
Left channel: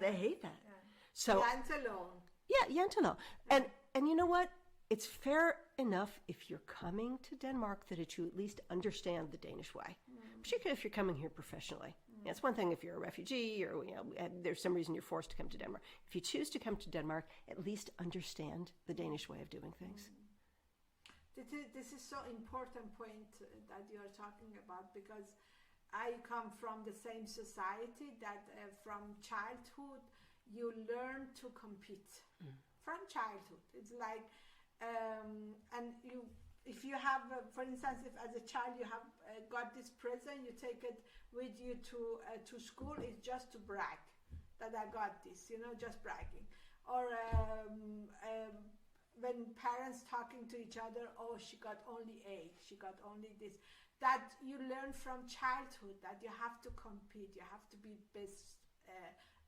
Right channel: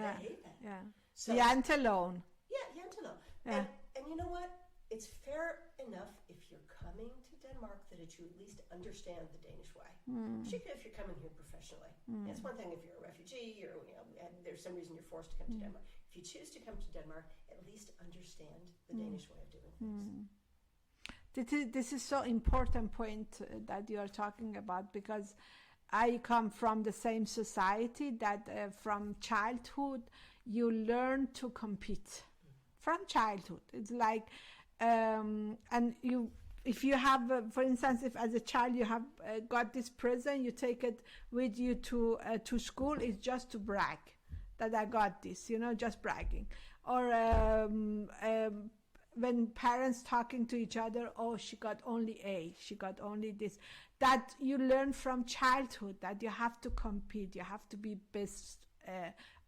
they hate that. Yeah. So Jantelån. Yeah, Jantelån. Yeah. And you know what? It's fair enough if you're coming to Denmark that you at least understand the Danish way, particularly if you're coming here professionally. It's one thing if you're a refugee or and there's some reason you're forced to come to Denmark. If you choose to come to Denmark, at least understand the Danish way of doing things. This is so important point that you are talking about, because I come from the same society that from childhood you learn to compete. from childhood. It's like, and you, if you have, for instance, if as a child you have got this present, you take it with you to school. It's just to brag that I got this, just bragging. Or when parents talking to each other, oh, she got only A, she got only this. That you learn from childhood, that you have to compete, you have to be best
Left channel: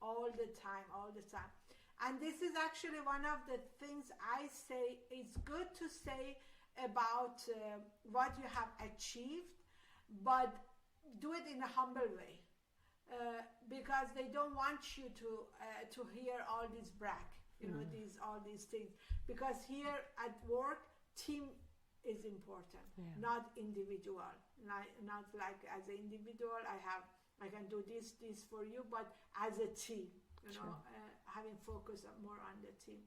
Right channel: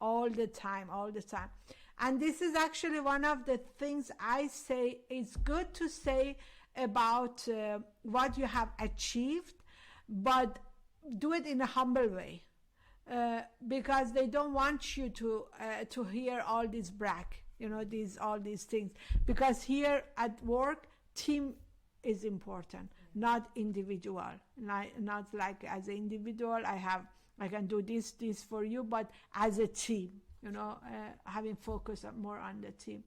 all the time. And this is actually one of the things I say. It's good to say about what you have achieved, but do it in a humble way, because they don't want you to hear all this brag, all these things. Because here at work, team is important, not individual. Not like as an individual, I can do this for you, but as a team, having focus more on the team.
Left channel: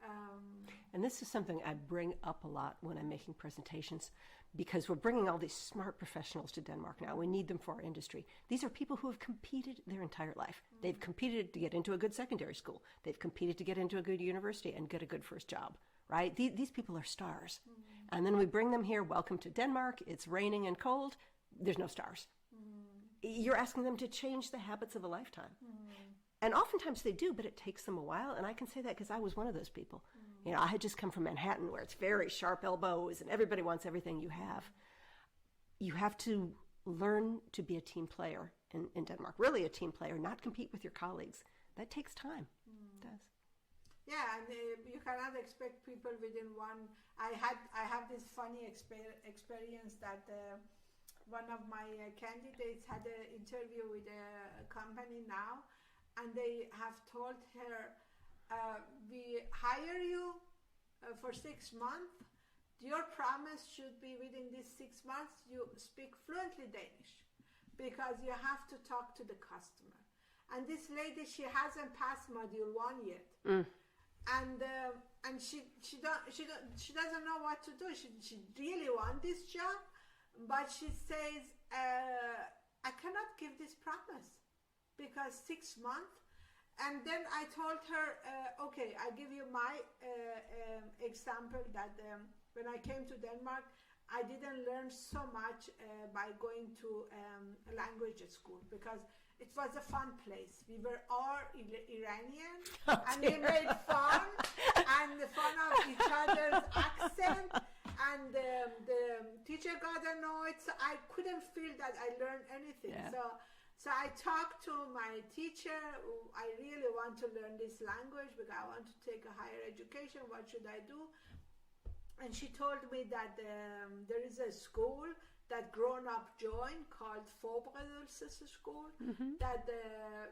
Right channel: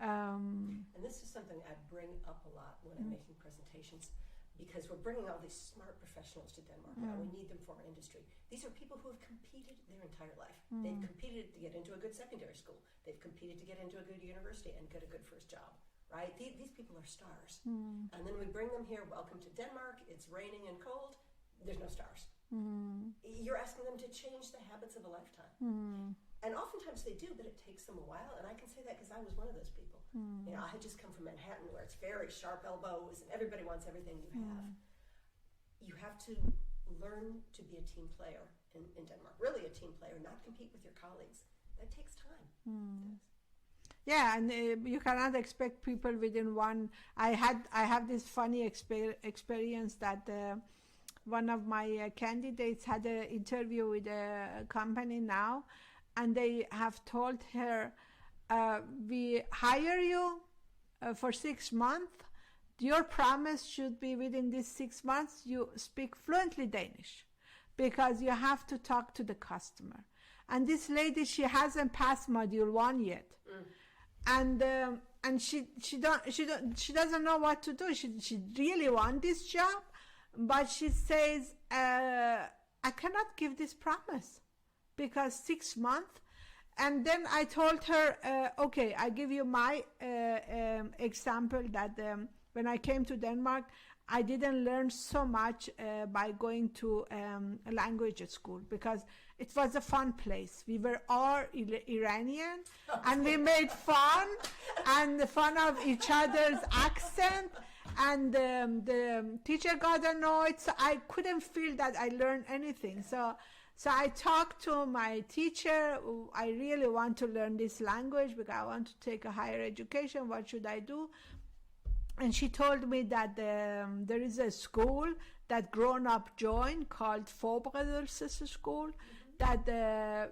And this is something I bring up a lot when I'm making presentations, because we're bringing all these smart professionals to Denmark now. We need them for our industry. These are people who have competed their entire life. They've competed to get into a good secondary school. They've competed to get into a good university and get a good first job, right? These people are stars. And then we bring them here. Welcome to Denmark. It's raining and cold. There's no stars. You're asking them to change the habits of a lifetime. And oftentimes they do, but it takes them a while. And I can say that because I was one of those people. I had just come from Manhattan, where it's very sharp elbows and everybody wants everything you have. You have to learn to be a team player in Denmark, really a team player, not compete with your colleagues. That takes time. It does. Yeah, and you cannot expect people within one. I have this funny experience that one of my candidates had an interview with a company now, and they have told her, we hire you for 6 months. Your promise should be within these 6 months you speak fluently Danish, because you have to talk to the customer. And this lady, she hasn't passed module 1 yet. And she doesn't know what to do. She really wants this job, but she says, I cannot give this promise because 6 months. And then I told her, okay, I give you my example that when I came to Denmark, I didn't learn so much by going to a language school, because it was a fun place. We were all Iranian, and we made fun of each other's accent, and the teacher got annoyed, so I couldn't feel that I learned anything. So I talked to my teacher. I really want to learn this language because I want to take a higher education. What should I do? And she told me that there is a school that grown-up join called Forberedelsesskole, that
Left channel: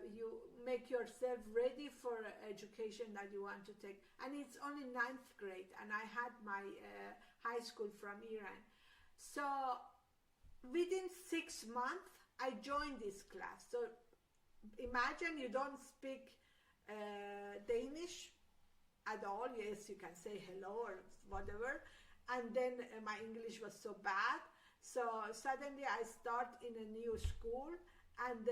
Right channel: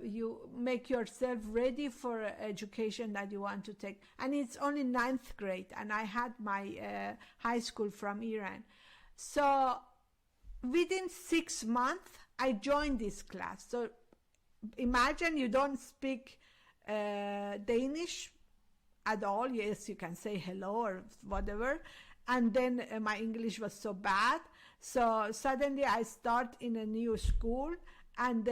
you make yourself ready for education that you want to take. And it's only 9th grade, and I had my high school from Iran. So within 6 months, I joined this class. So imagine you don't speak Danish at all. Yes, you can say hello or whatever. And then my English was so bad. So suddenly I start in a new school, and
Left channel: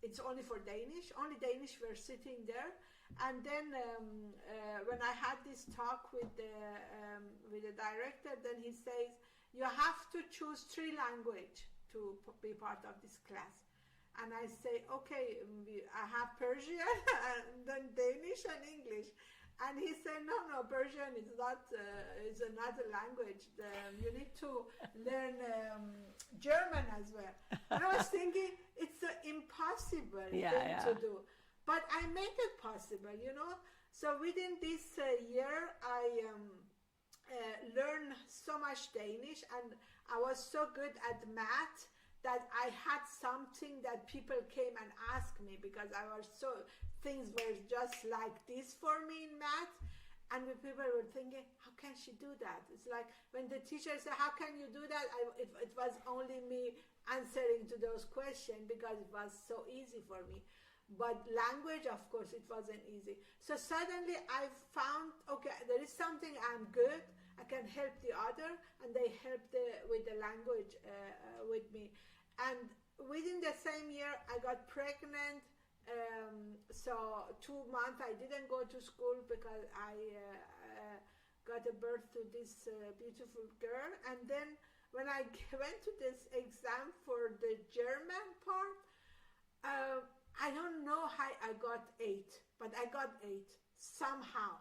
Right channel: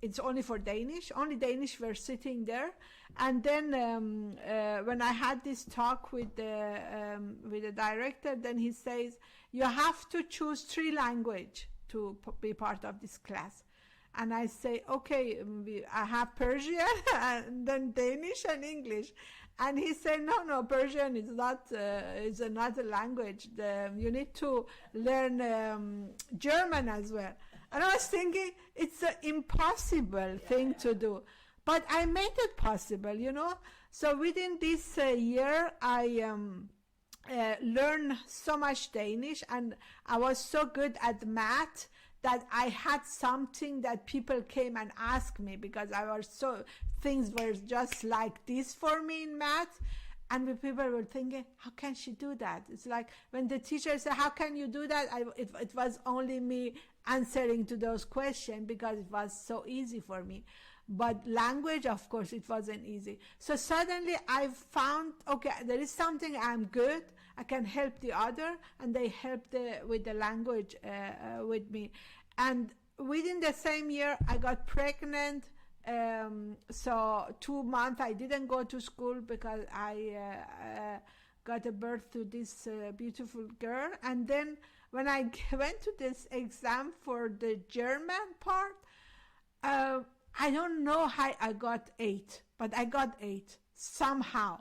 it's only for Danish. Only Danish were sitting there. And then when I had this talk with the director, then he says, you have to choose 3 languages to be part of this class. And I say, okay, I have Persian, and then Danish and English. And he said, no, Persian is not a language. You need to learn German as well. And I was thinking, it's an impossible thing to do. But I made it possible, So within this year, I learned so much Danish, and I was so good at math that I had something that people came and asked me, because things were just like this for me in math. And the people were thinking, how can she do that? It's like when the teacher said, how can you do that? It was only me answering to those questions, because it was so easy for me. But language, of course, it wasn't easy. So suddenly I found, okay, there is something I'm good. I can help the other, and they helped with the language with me. And within the same year, I got pregnant So 2 months I didn't go to school because I got a birth to this beautiful girl. And then when I went to this exam for the German part, I don't know how I got 8, but I got 8 somehow.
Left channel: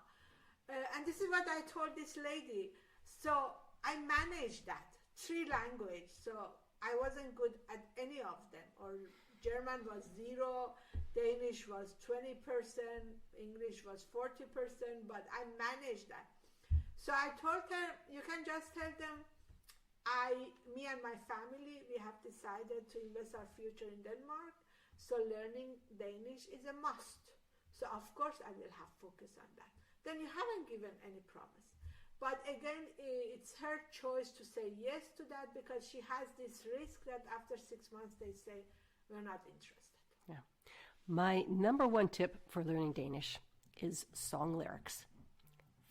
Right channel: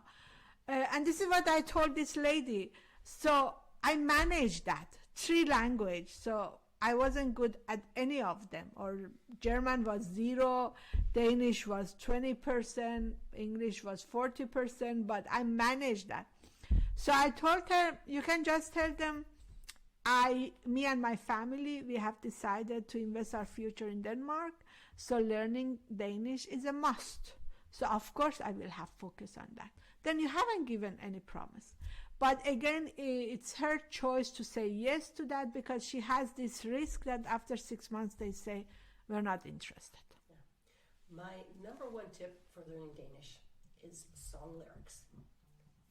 And this is what I told this lady. So I managed that 3 language. So I wasn't good at any of them. Or German was 0, Danish was 20%, English was 40%, but I managed that. So I told her, you can just tell them, me and my family, we have decided to invest our future in Denmark. So learning Danish is a must. So of course I will have focus on that. Then you haven't given any promise. But again, it's her choice to say yes to that, because she has this risk that after 6 months they say, we're not interested. Yeah. My number 1 tip for learning Danish is song lyrics.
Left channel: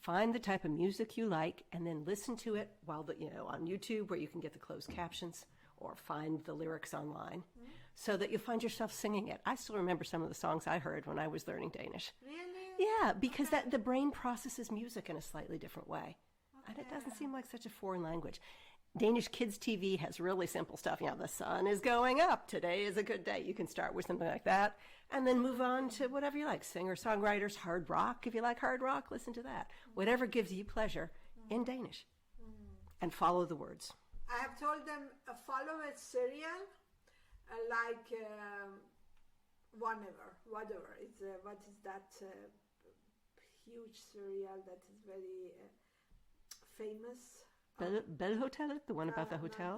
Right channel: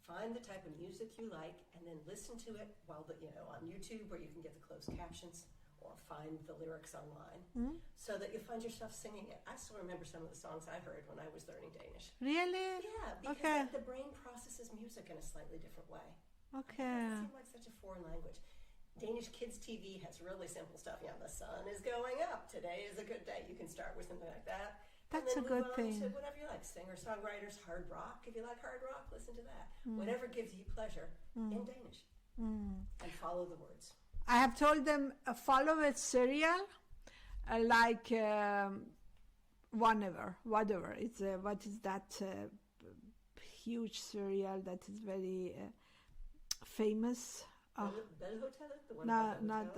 Find the type of music you like and then listen to it while on YouTube, where you can get the closed captions, or find the lyrics online, so that you'll find yourself singing it. I still remember some of the songs I heard when I was learning Danish. Really? Yeah, because Okay. the brain processes music in a slightly different way. Okay. It doesn't seem like such a foreign language. Danish kids TV has really simple stuff. The sun is going up. Today is a good day. You can start with something like that, and That's then a move good on thing. to whatever you like. Singer-songwriters, hard rock. If you like hard rock, listen to that. Whatever gives you pleasure in Danish. And follow the words. I have told them follow a serial like whatever. It's what is that huge serial that is very famous? Bell Hotel, the one about the hotel?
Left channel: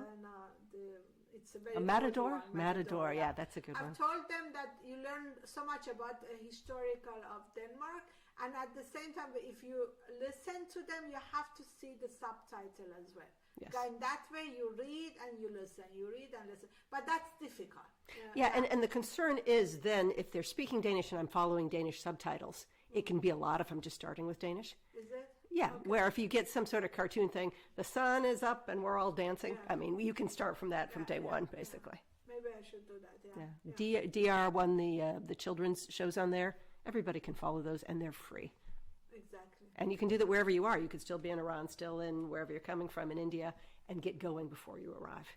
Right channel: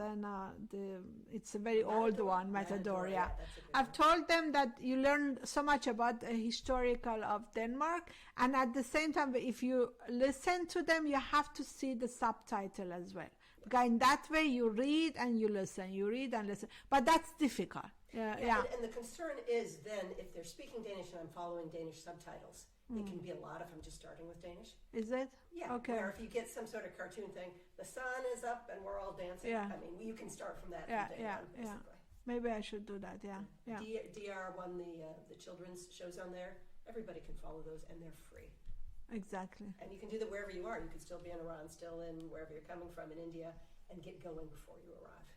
It's a very old Matador? one. Matador, yeah, that's a good I've one. told them that you learn so much about historical of Denmark, and at the same time, if you listen to them, you have to see the subtitle as well. Yes. Because in that way, you read and you listen. You read and listen. But that's difficult. Yeah. And the concern is then, if they're speaking Danish and I'm following Danish subtitles, it can be a lot if I'm just starting with Danish. Is it? Yeah, Okay. where if you get some sort of cartoon thing, the sun is up and we're all dancing. Yeah. I mean, you can start from that from day one, basically. Maybe I should do that, yeah. DR won the children's shows on there. Everybody can follow those, and they're free. Exactly. And you can do that wherever you are. You could still be in Iran, still in wherever you're coming from in India, and get going before you arrive.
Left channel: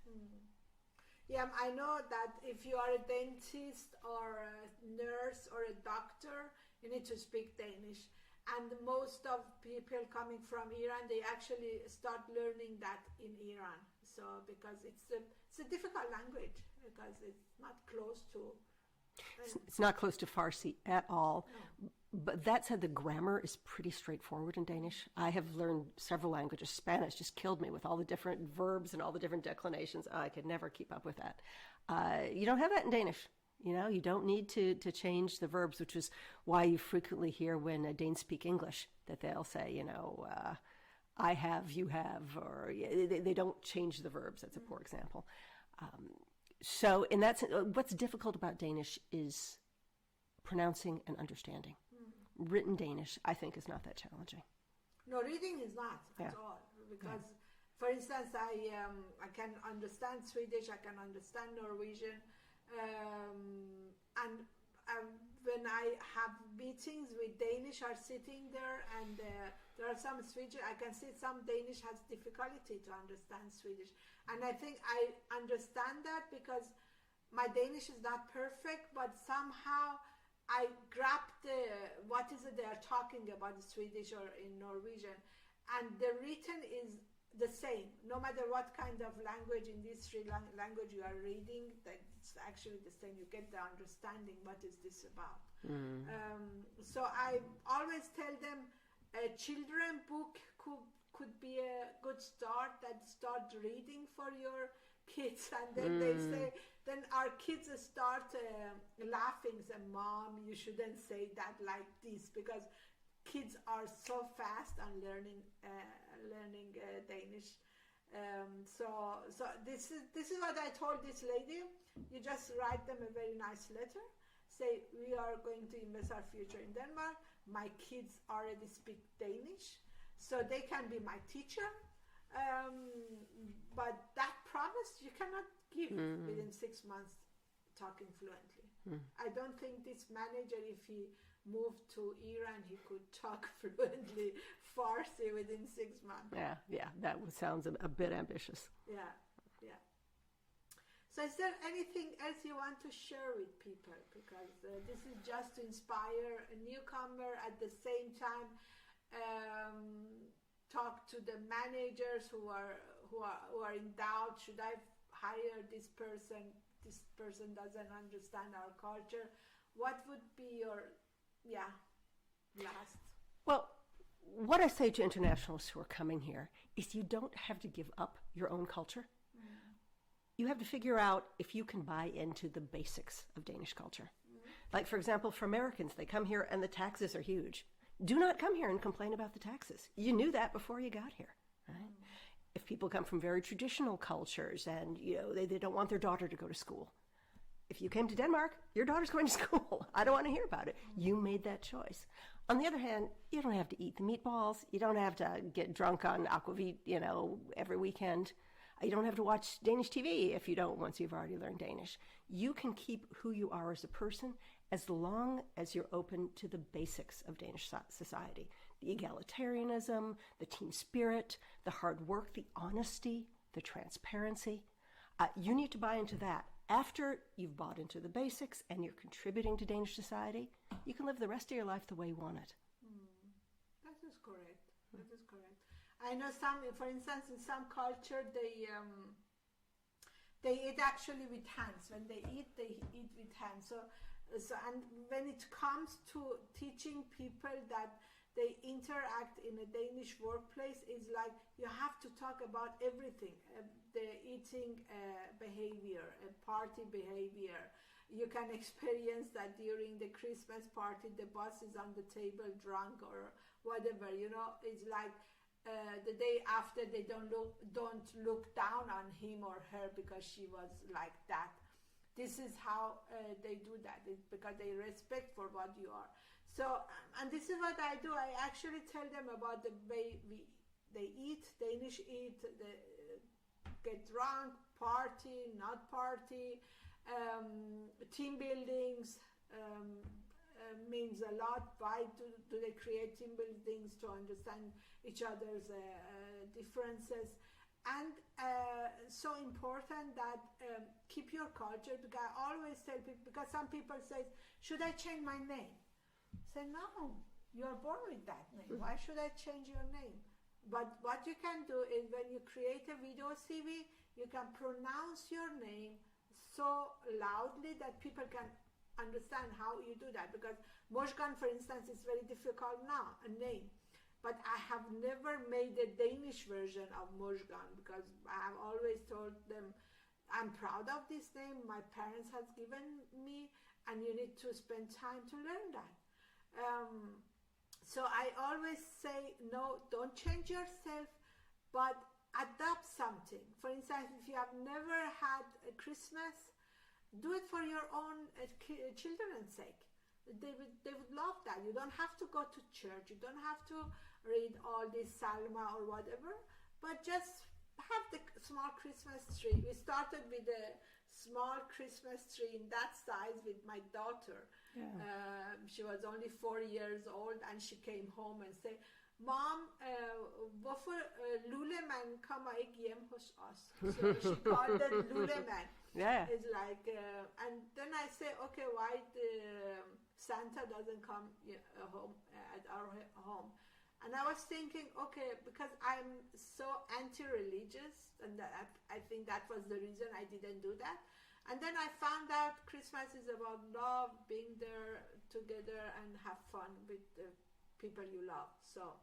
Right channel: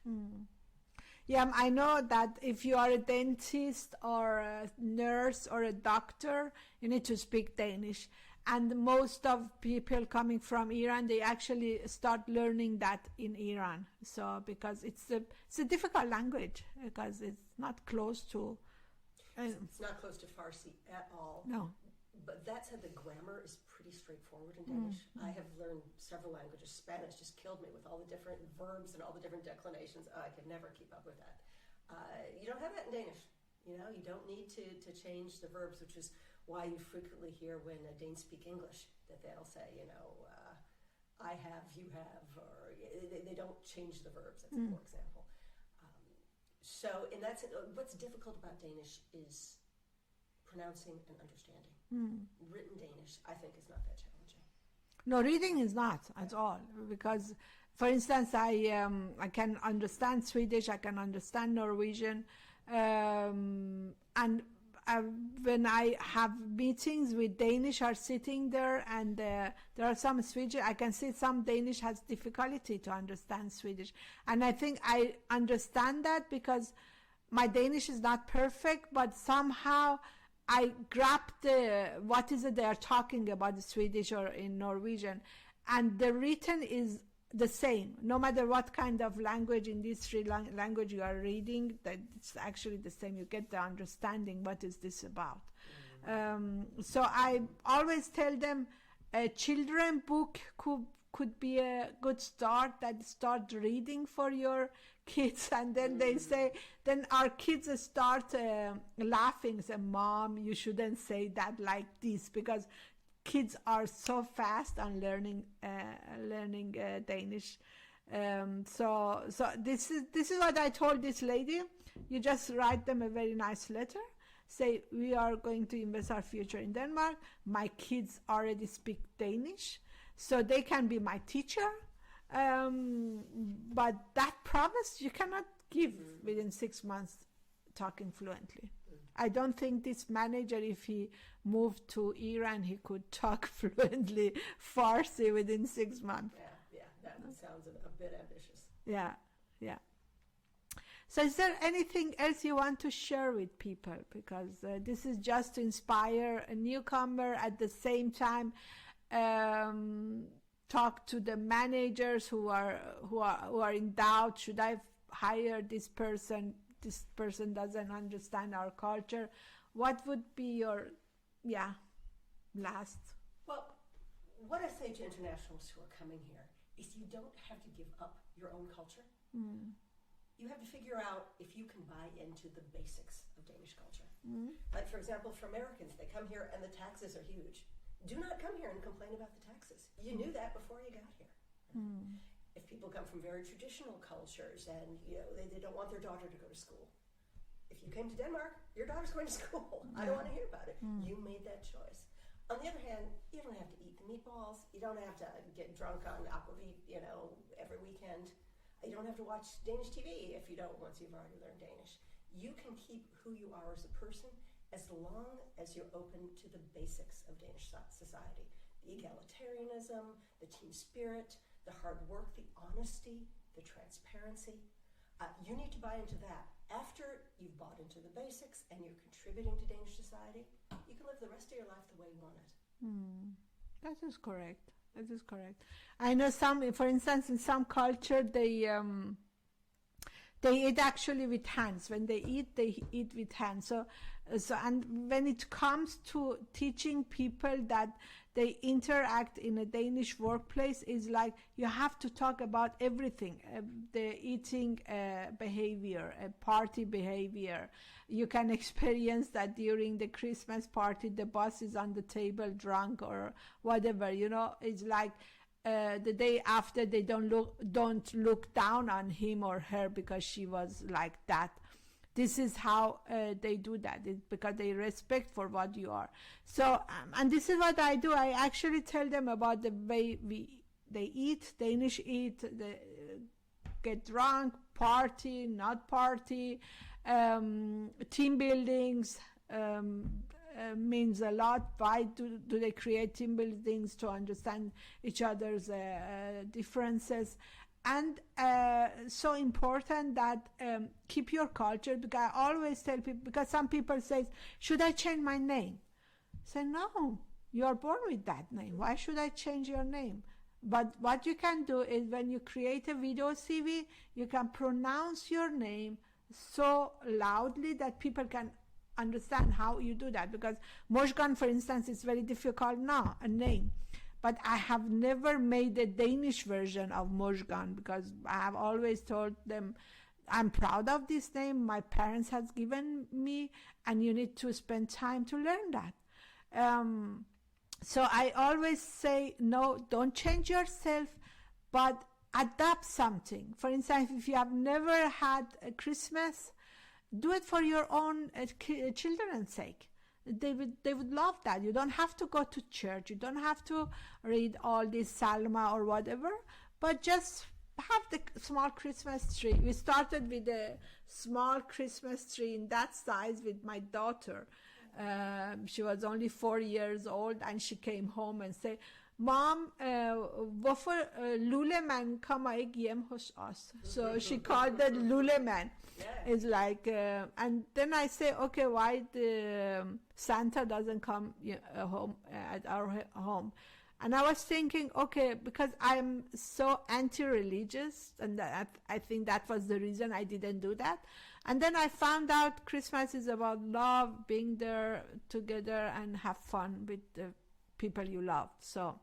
Yeah, I know that if you are a dentist or a nurse or a doctor, you need to speak Danish. And most of people coming from Iran, they actually start learning that in Iran. So because it's a difficult language, because it's not close to... It's not close to Farsi at all. No. But that said, the grammar is pretty straightforward in Danish. I have learned several languages. Spanish just killed me with all the different verbs and all the different declinations. I could never keep up with that. You don't have that in Danish. You don't need to change the verbs, which is why you frequently hear when Danes speak English that they'll say, I have, you have, or they don't change the verbs. That's a poor example. So in that sense, what's difficult about Danish is pronouncing and understanding. Written Danish, I think, is not that challenging. No, reading is not at all, because, for instance, I can understand Swedish, I can understand Norwegian, and when I have meetings with Danish are sitting there, and there are some Swedish, I can see some Danish has difficulty to understand Swedish, and I think I understand that because my Danish is not perfect, but somehow I grab what is it they are talking about, the Swedish or in Norwegian, and the written is the same, no matter what kind of language in these three language you are reading, that it's actually the same. You get the understanding, what is this about? So I always tell them a children book could be a good start, that start reading for your kids, and then they say, then our kids start laughing, say, Mom, you shouldn't say that like this, because kids are so fast on learning Danish. So this is what I told this lady. You just write them a very nice letter. Say, we are going to invest our future in Denmark. My kids already speak Danish, so they can be my teacher. But that promise you cannot give within 6 months talking fluently. I don't think this manager, if he moved to Iran, he could talk fluently Farsi within 6 months. Yeah, that sounds a bit ambitious. Yeah. So is there anything else you want to share with people? Because this is just to inspire a newcomer, at the same time talk to the managers who are in doubt. Should I hire this person? This person doesn't understand our culture. What would be your last? Well, what I say to internationals who are coming here is you don't have to give up your own culture. You have to figure out if you can buy into the basics of Danish culture. Like, for example, for Americans, they come here and the taxes are huge. Do not come here and complain about the taxes. You knew that before you got here. Right? If people come from very traditional cultures and they don't want their daughter to go to school, if you came to Denmark, your daughter's going to school. I don't want to hear about it. You made that choice. On the other hand, you don't have to eat the meatballs. You don't have to get drunk on aquavit, every weekend. You don't have to watch Danish TV if you don't, once you've already learned Danish. You can keep who you are as a person as long as you're open to the basics of Danish society. The egalitarianism, the team spirit, the hard work, the honesty, the transparency. You need to buy into that. After you've bought into the basics and you're contributing to Danish society, you can live the rest of your life the way you want it. That is correct. That is correct. I know for instance, in some culture, they eat actually with hands. When they eat with hands. So, and when it comes to teaching people that they interact in a Danish workplace, is like you have to talk about everything, the eating behavior, party behavior. You can experience that during the Christmas party, the boss is on the table drunk or whatever. It's like the day after, they don't look down on him or her because she was like that. This is how they do that. It's because they respect for what you are. So, and this is what I do. I actually tell them about the way they eat, Danish eat, they get drunk, party, not party, team buildings means a lot. Why do they create team buildings? To understand each other's differences. And so important that keep your culture, because I always tell people, because some people say, should I change my name? I say, no, you are born with that name. Why should I change your name? But what you can do is when you create a video CV, you can pronounce your name so loudly that people can understand how you do that. Because Mojgan, for instance, is very difficult now, a name. But I have never made a Danish version of Mojgan, because I have always told them, I'm proud of this name my parents has given me, and you need to spend time to learn that. So I always say, no, don't change yourself, but adapt something. For instance, if you have never had a Christmas, do it for your own children's sake. They would love that. You don't have to go to church. You don't have to read all this Salma or whatever, but just have the small Christmas tree. We started with a small Christmas tree in that size with my daughter. Yeah. She was only 4 years old, and she came home and said, Mom, hvorfor Luleman kommer ikke hjem hos os? So she called it Luleman. Yeah. It's like, and then I say, okay, why the Santa doesn't come home at our home? And I was thinking, okay, because I'm so anti-religious, and I think that was the reason I didn't do that. And then I found out Christmas is about love, being there together and have fun with the people you love. So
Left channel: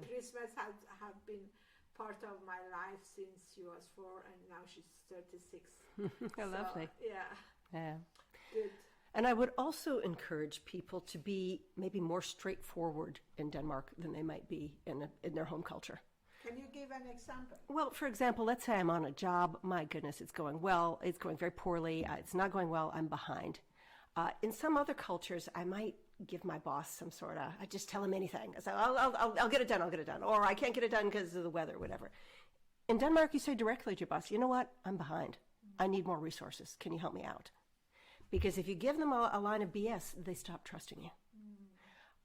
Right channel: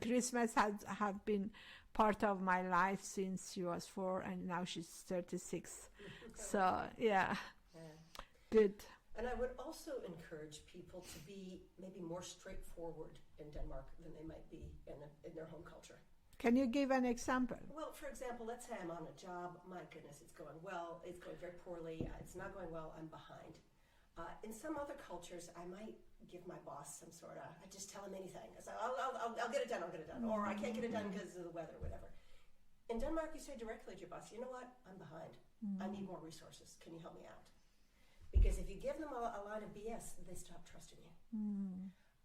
Christmas have been part of my life since she was 4, and now she's 36. So yeah, good. And I would also encourage people to be maybe more straightforward in Denmark than they might be in their home culture. Can you give an example? Well, for example, let's say I'm on a job. My goodness, it's going well. It's going very poorly. It's not going well. I'm behind. In some other cultures, I might give my boss some sort of, I just tell him anything. I say, I'll get it done, I'll get it done. Or I can't get it done because of the weather, whatever. In Denmark, you say directly to your boss, you know what, I'm behind. I need more resources. Can you help me out? Because if you give them a line of BS, they stop trusting you.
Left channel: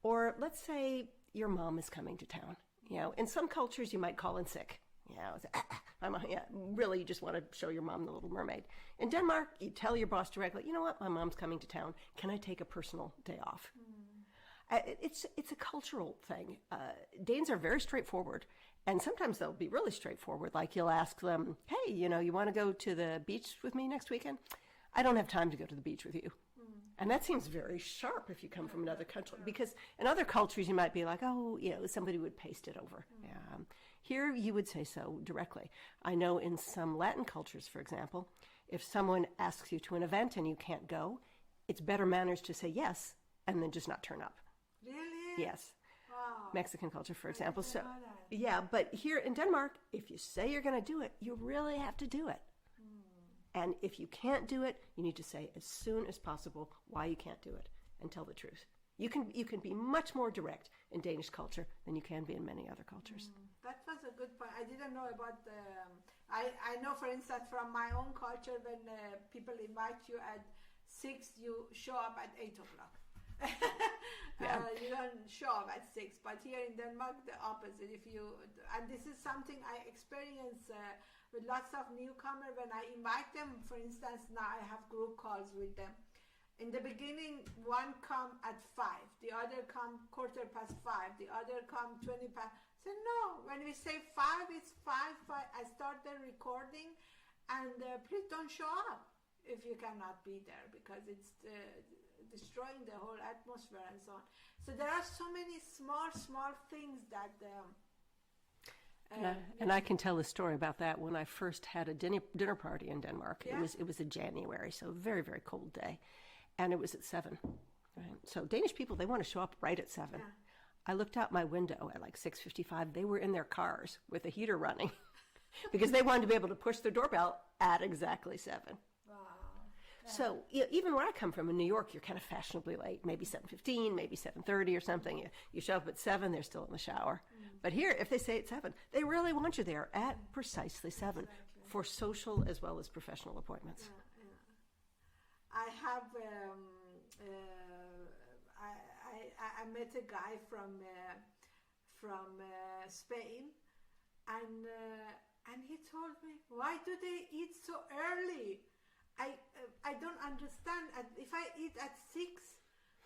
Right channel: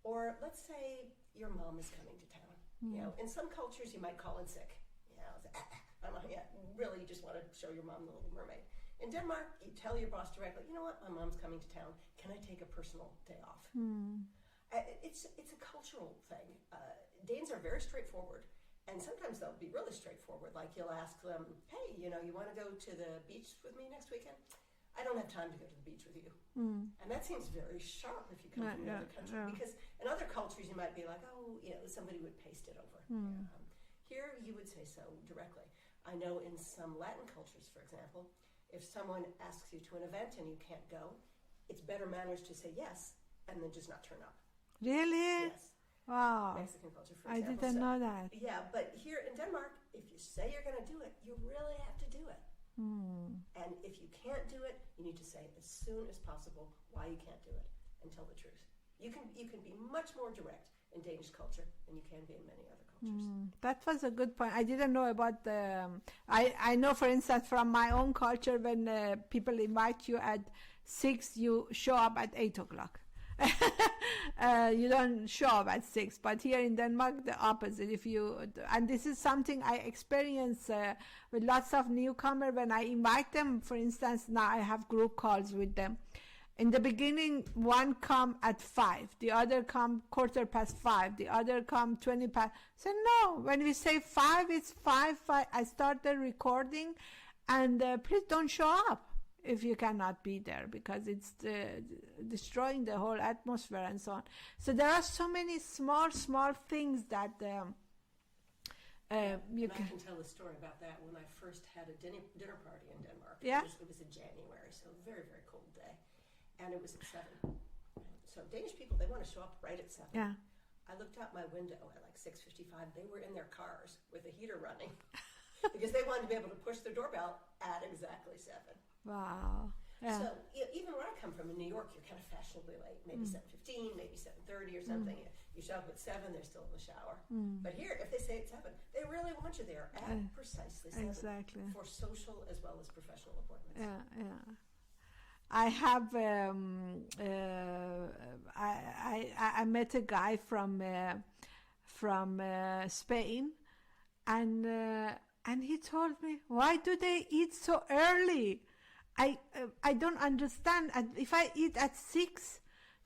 Or let's say your mom is coming to town. You know, in some cultures you might call in sick. You know, really, you just want to show your mom the Little Mermaid. In Denmark, you tell your boss directly, you know what, my mom's coming to town. Can I take a personal day off? It's a cultural thing. Danes are very straightforward. And sometimes they'll be really straightforward. Like you'll ask them, hey, you know, you want to go to the beach with me next weekend? I don't have time to go to the beach with you. And that seems very sharp if you come from another country. Because in other cultures, you might be like, oh, you know, somebody would paste it over. Here, you would say so directly. I know in some Latin cultures, for example, if someone asks you to an event and you can't go, it's better manners to say yes and then just not turn up. Really? Yes. Wow. Mexican culture, for example. I didn't know that. Yeah, but here in Denmark, if you say you're going to do it, you really have to do it. And if you can't do it, you need to say as soon as possible why you can't do it and tell the truth. You can be much more direct in Danish culture than you can be in many other cultures. That was a good point. I didn't know about the... I know, for instance, from my own culture, when people invite you at 6, you show up at 8 o'clock. You don't show up at 6, but here in Denmark the opposite. And this is something I experience with lots of newcomers when I invite them. For instance, now I have group calls with them. In the beginning, one come at 5, the other come 5:15, the other come 20 past. So no, when we say 5, it's 5. I start the recording, and please don't show up if you cannot be there, because it's destroying the whole atmosphere and so on. So there are so many small things that and I can tell a story about that. When I first had a dinner party in Denmark, it was in January, so a very, very cold day, and it was at 7. Right? So Danish people, they want to show up right at 7. Yeah. I looked out my window at like 6:55. They were in their cars with the heater running because they wanted to be able to push their doorbell at exactly 7. Wow. Yeah. So even where I come from in New York, you're kind of fashionably late, maybe 7:15, maybe 7:30 or something. You show up at 7, they're still in the shower. But here, if they say at 7, they really want you there at precisely 7 for social as well as professional appointments. Yeah. I have I met a guy from Spain, and he told me, why do they eat so early? I don't understand. If I eat at 6,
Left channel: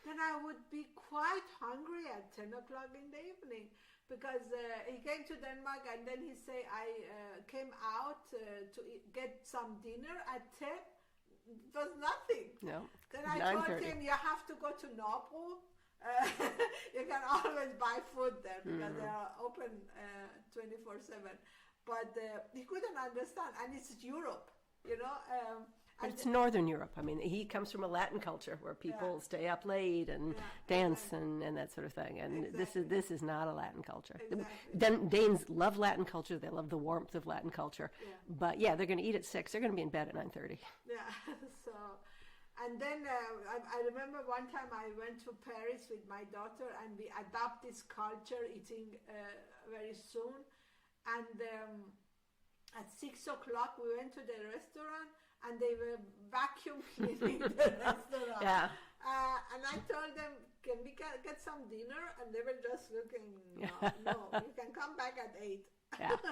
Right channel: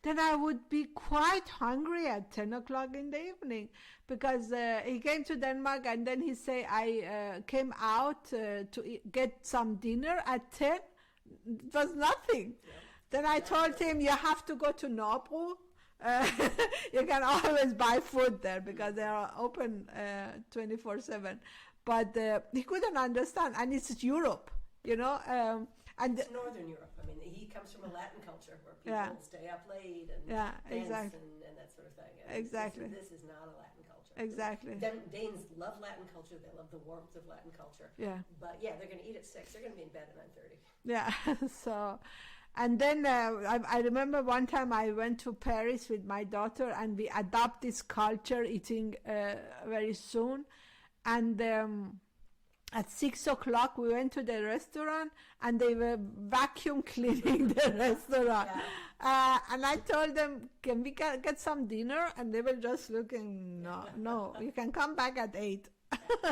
then I would be quite hungry at 10 o'clock in the evening, because he came to Denmark and then he say I came out to get some dinner at 10. It was nothing. No. Then I told him, you have to go to Nobro. You can always buy food there because they are open 24/7. But he couldn't understand, and it's Europe, you know. And it's Northern Europe. I mean, he comes from a Latin culture where people stay up late and dance and that sort of thing. And this is not a Latin culture. Exactly. Danes love Latin culture. They love the warmth of Latin culture. Yeah. But yeah, they're going to eat at 6. They're going to be in bed at 9:30. Yeah. So, and then I remember one time I went to Paris with my daughter, and we adopt this culture, eating very soon. And at 6 o'clock, we went to the restaurant, and they were vacuum cleaning the restaurant. And I told them, can we get some dinner? And they were just looking, no, you can come back at 8.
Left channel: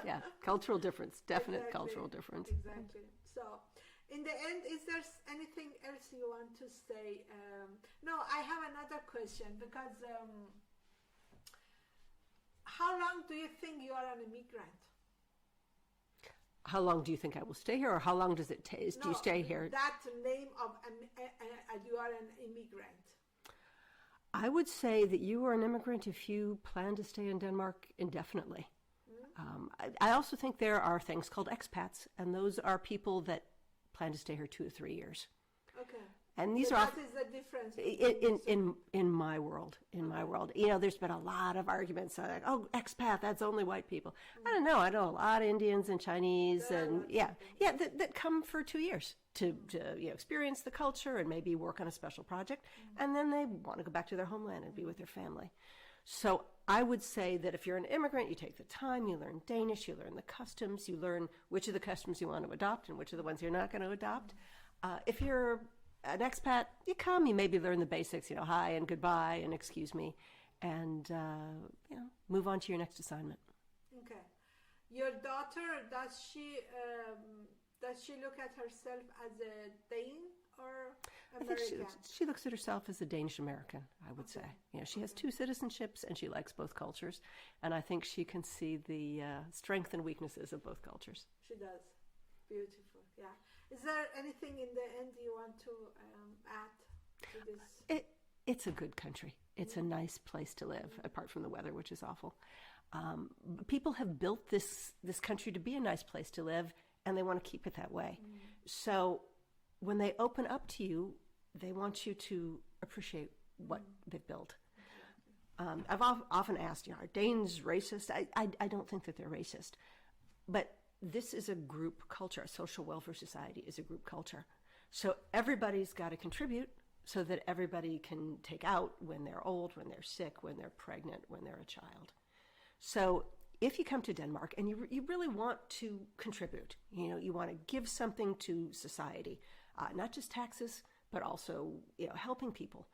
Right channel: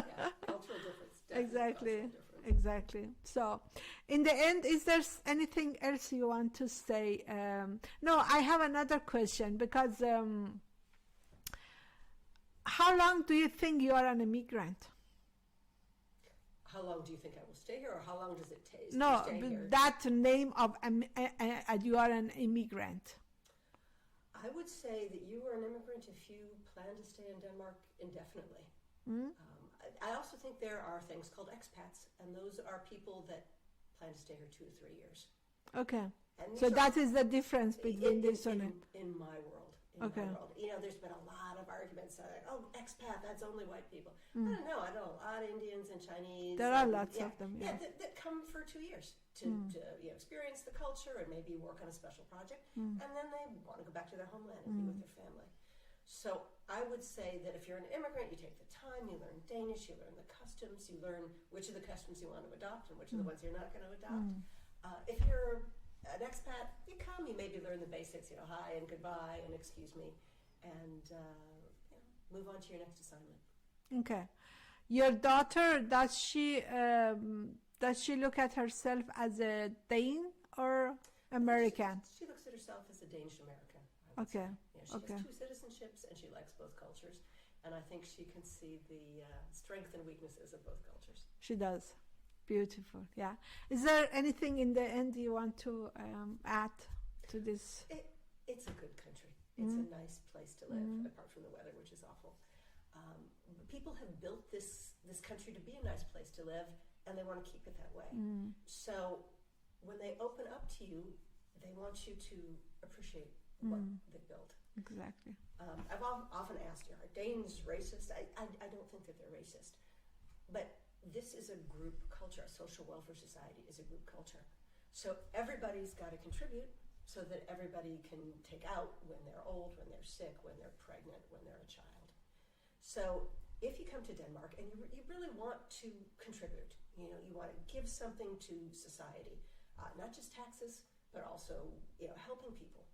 Yeah. Cultural difference, definite cultural difference. Exactly. So, in the end, is there anything else you want to say? No, I have another question, because how long do you think you are an immigrant? How long do you think I will stay here, or how long does it take to stay here? That name of you are an immigrant. I would say that you are an immigrant if you plan to stay in Denmark indefinitely. I also think there are things called expats, and those are people that plan to stay here 2 or 3 years. Okay. And so that is the difference in my world. My world, there's been a lot of arguments like, "Oh, expat, that's only white people." I don't know. I know a lot of Indians and Chinese. There are lots of them. That come for 2 years to experience the culture and maybe work on a special project, and then they want to go back to their homeland and be with their family. So I would say that if you're an immigrant, you take the time, you learn Danish, you learn the customs, you learn which of the customs you want to adopt and which of the ones you're not going to adopt. If you're an expat, you come, you maybe learn the basics, hi and goodbye and excuse me, and move on to your next assignment. Okay. Your daughter, does she look at herself as a Dane or American? She looks at herself as a Danish American, I would say. She has 2 citizenships and she likes both cultures, and I think she can see the strengths and weaknesses of both cultures. She does. Beautiful. Yeah. Is there anything in the end you want to add to this? It's a good country. It's a nice place to live, apart from the weather, which is awful. People have built this country to be a nice place to live, and they want to keep it that way. So when they open up to you, they want you to appreciate what they've built. Exactly. I've often asked, are Danes racist? I don't think that they're racist. But this is a group culture. A social welfare society is a group culture. So everybody's got to contribute so that everybody can take out when they're old, when they're sick, when they're pregnant, when they're a child. So if you come to Denmark and you really want to contribute, you want to give something to society, not just taxes, but also helping people,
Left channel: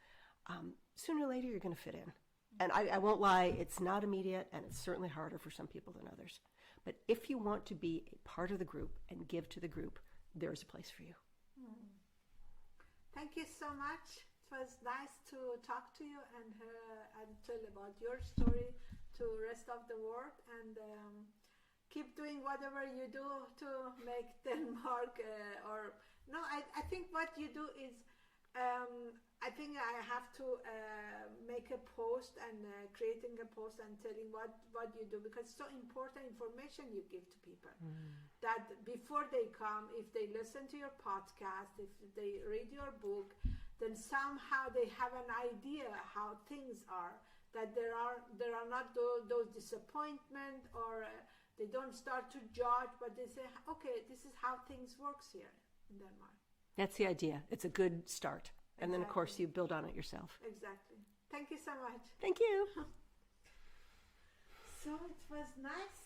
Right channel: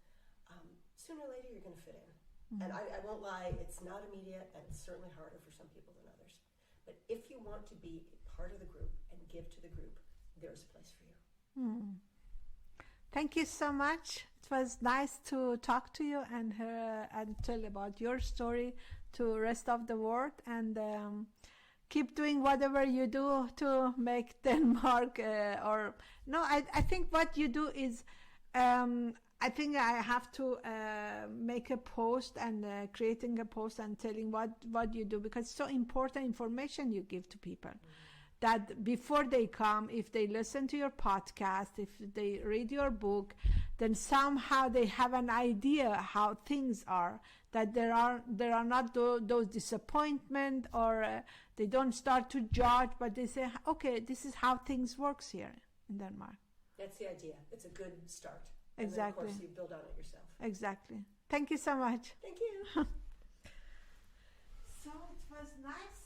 sooner or later you're going to fit in. And I won't lie, it's not immediate, and it's certainly harder for some people than others. But if you want to be a part of the group and give to the group, there's a place for you. Thank you so much. It was nice to talk to you and tell about your story to rest of the world, and keep doing whatever you do to make Denmark I think what you do is I think I have to make a post and creating a post and telling what you do, because it's so important information you give to people. That before they come, if they listen to your podcast, if they read your book, then somehow they have an idea how things are, that there are not those disappointment, or they don't start to judge, but they say, okay, this is how things works here in Denmark. That's the idea. It's a good start. Exactly. And then, of course, you build on it yourself. Exactly. Thank you so much. Thank you. So it was nice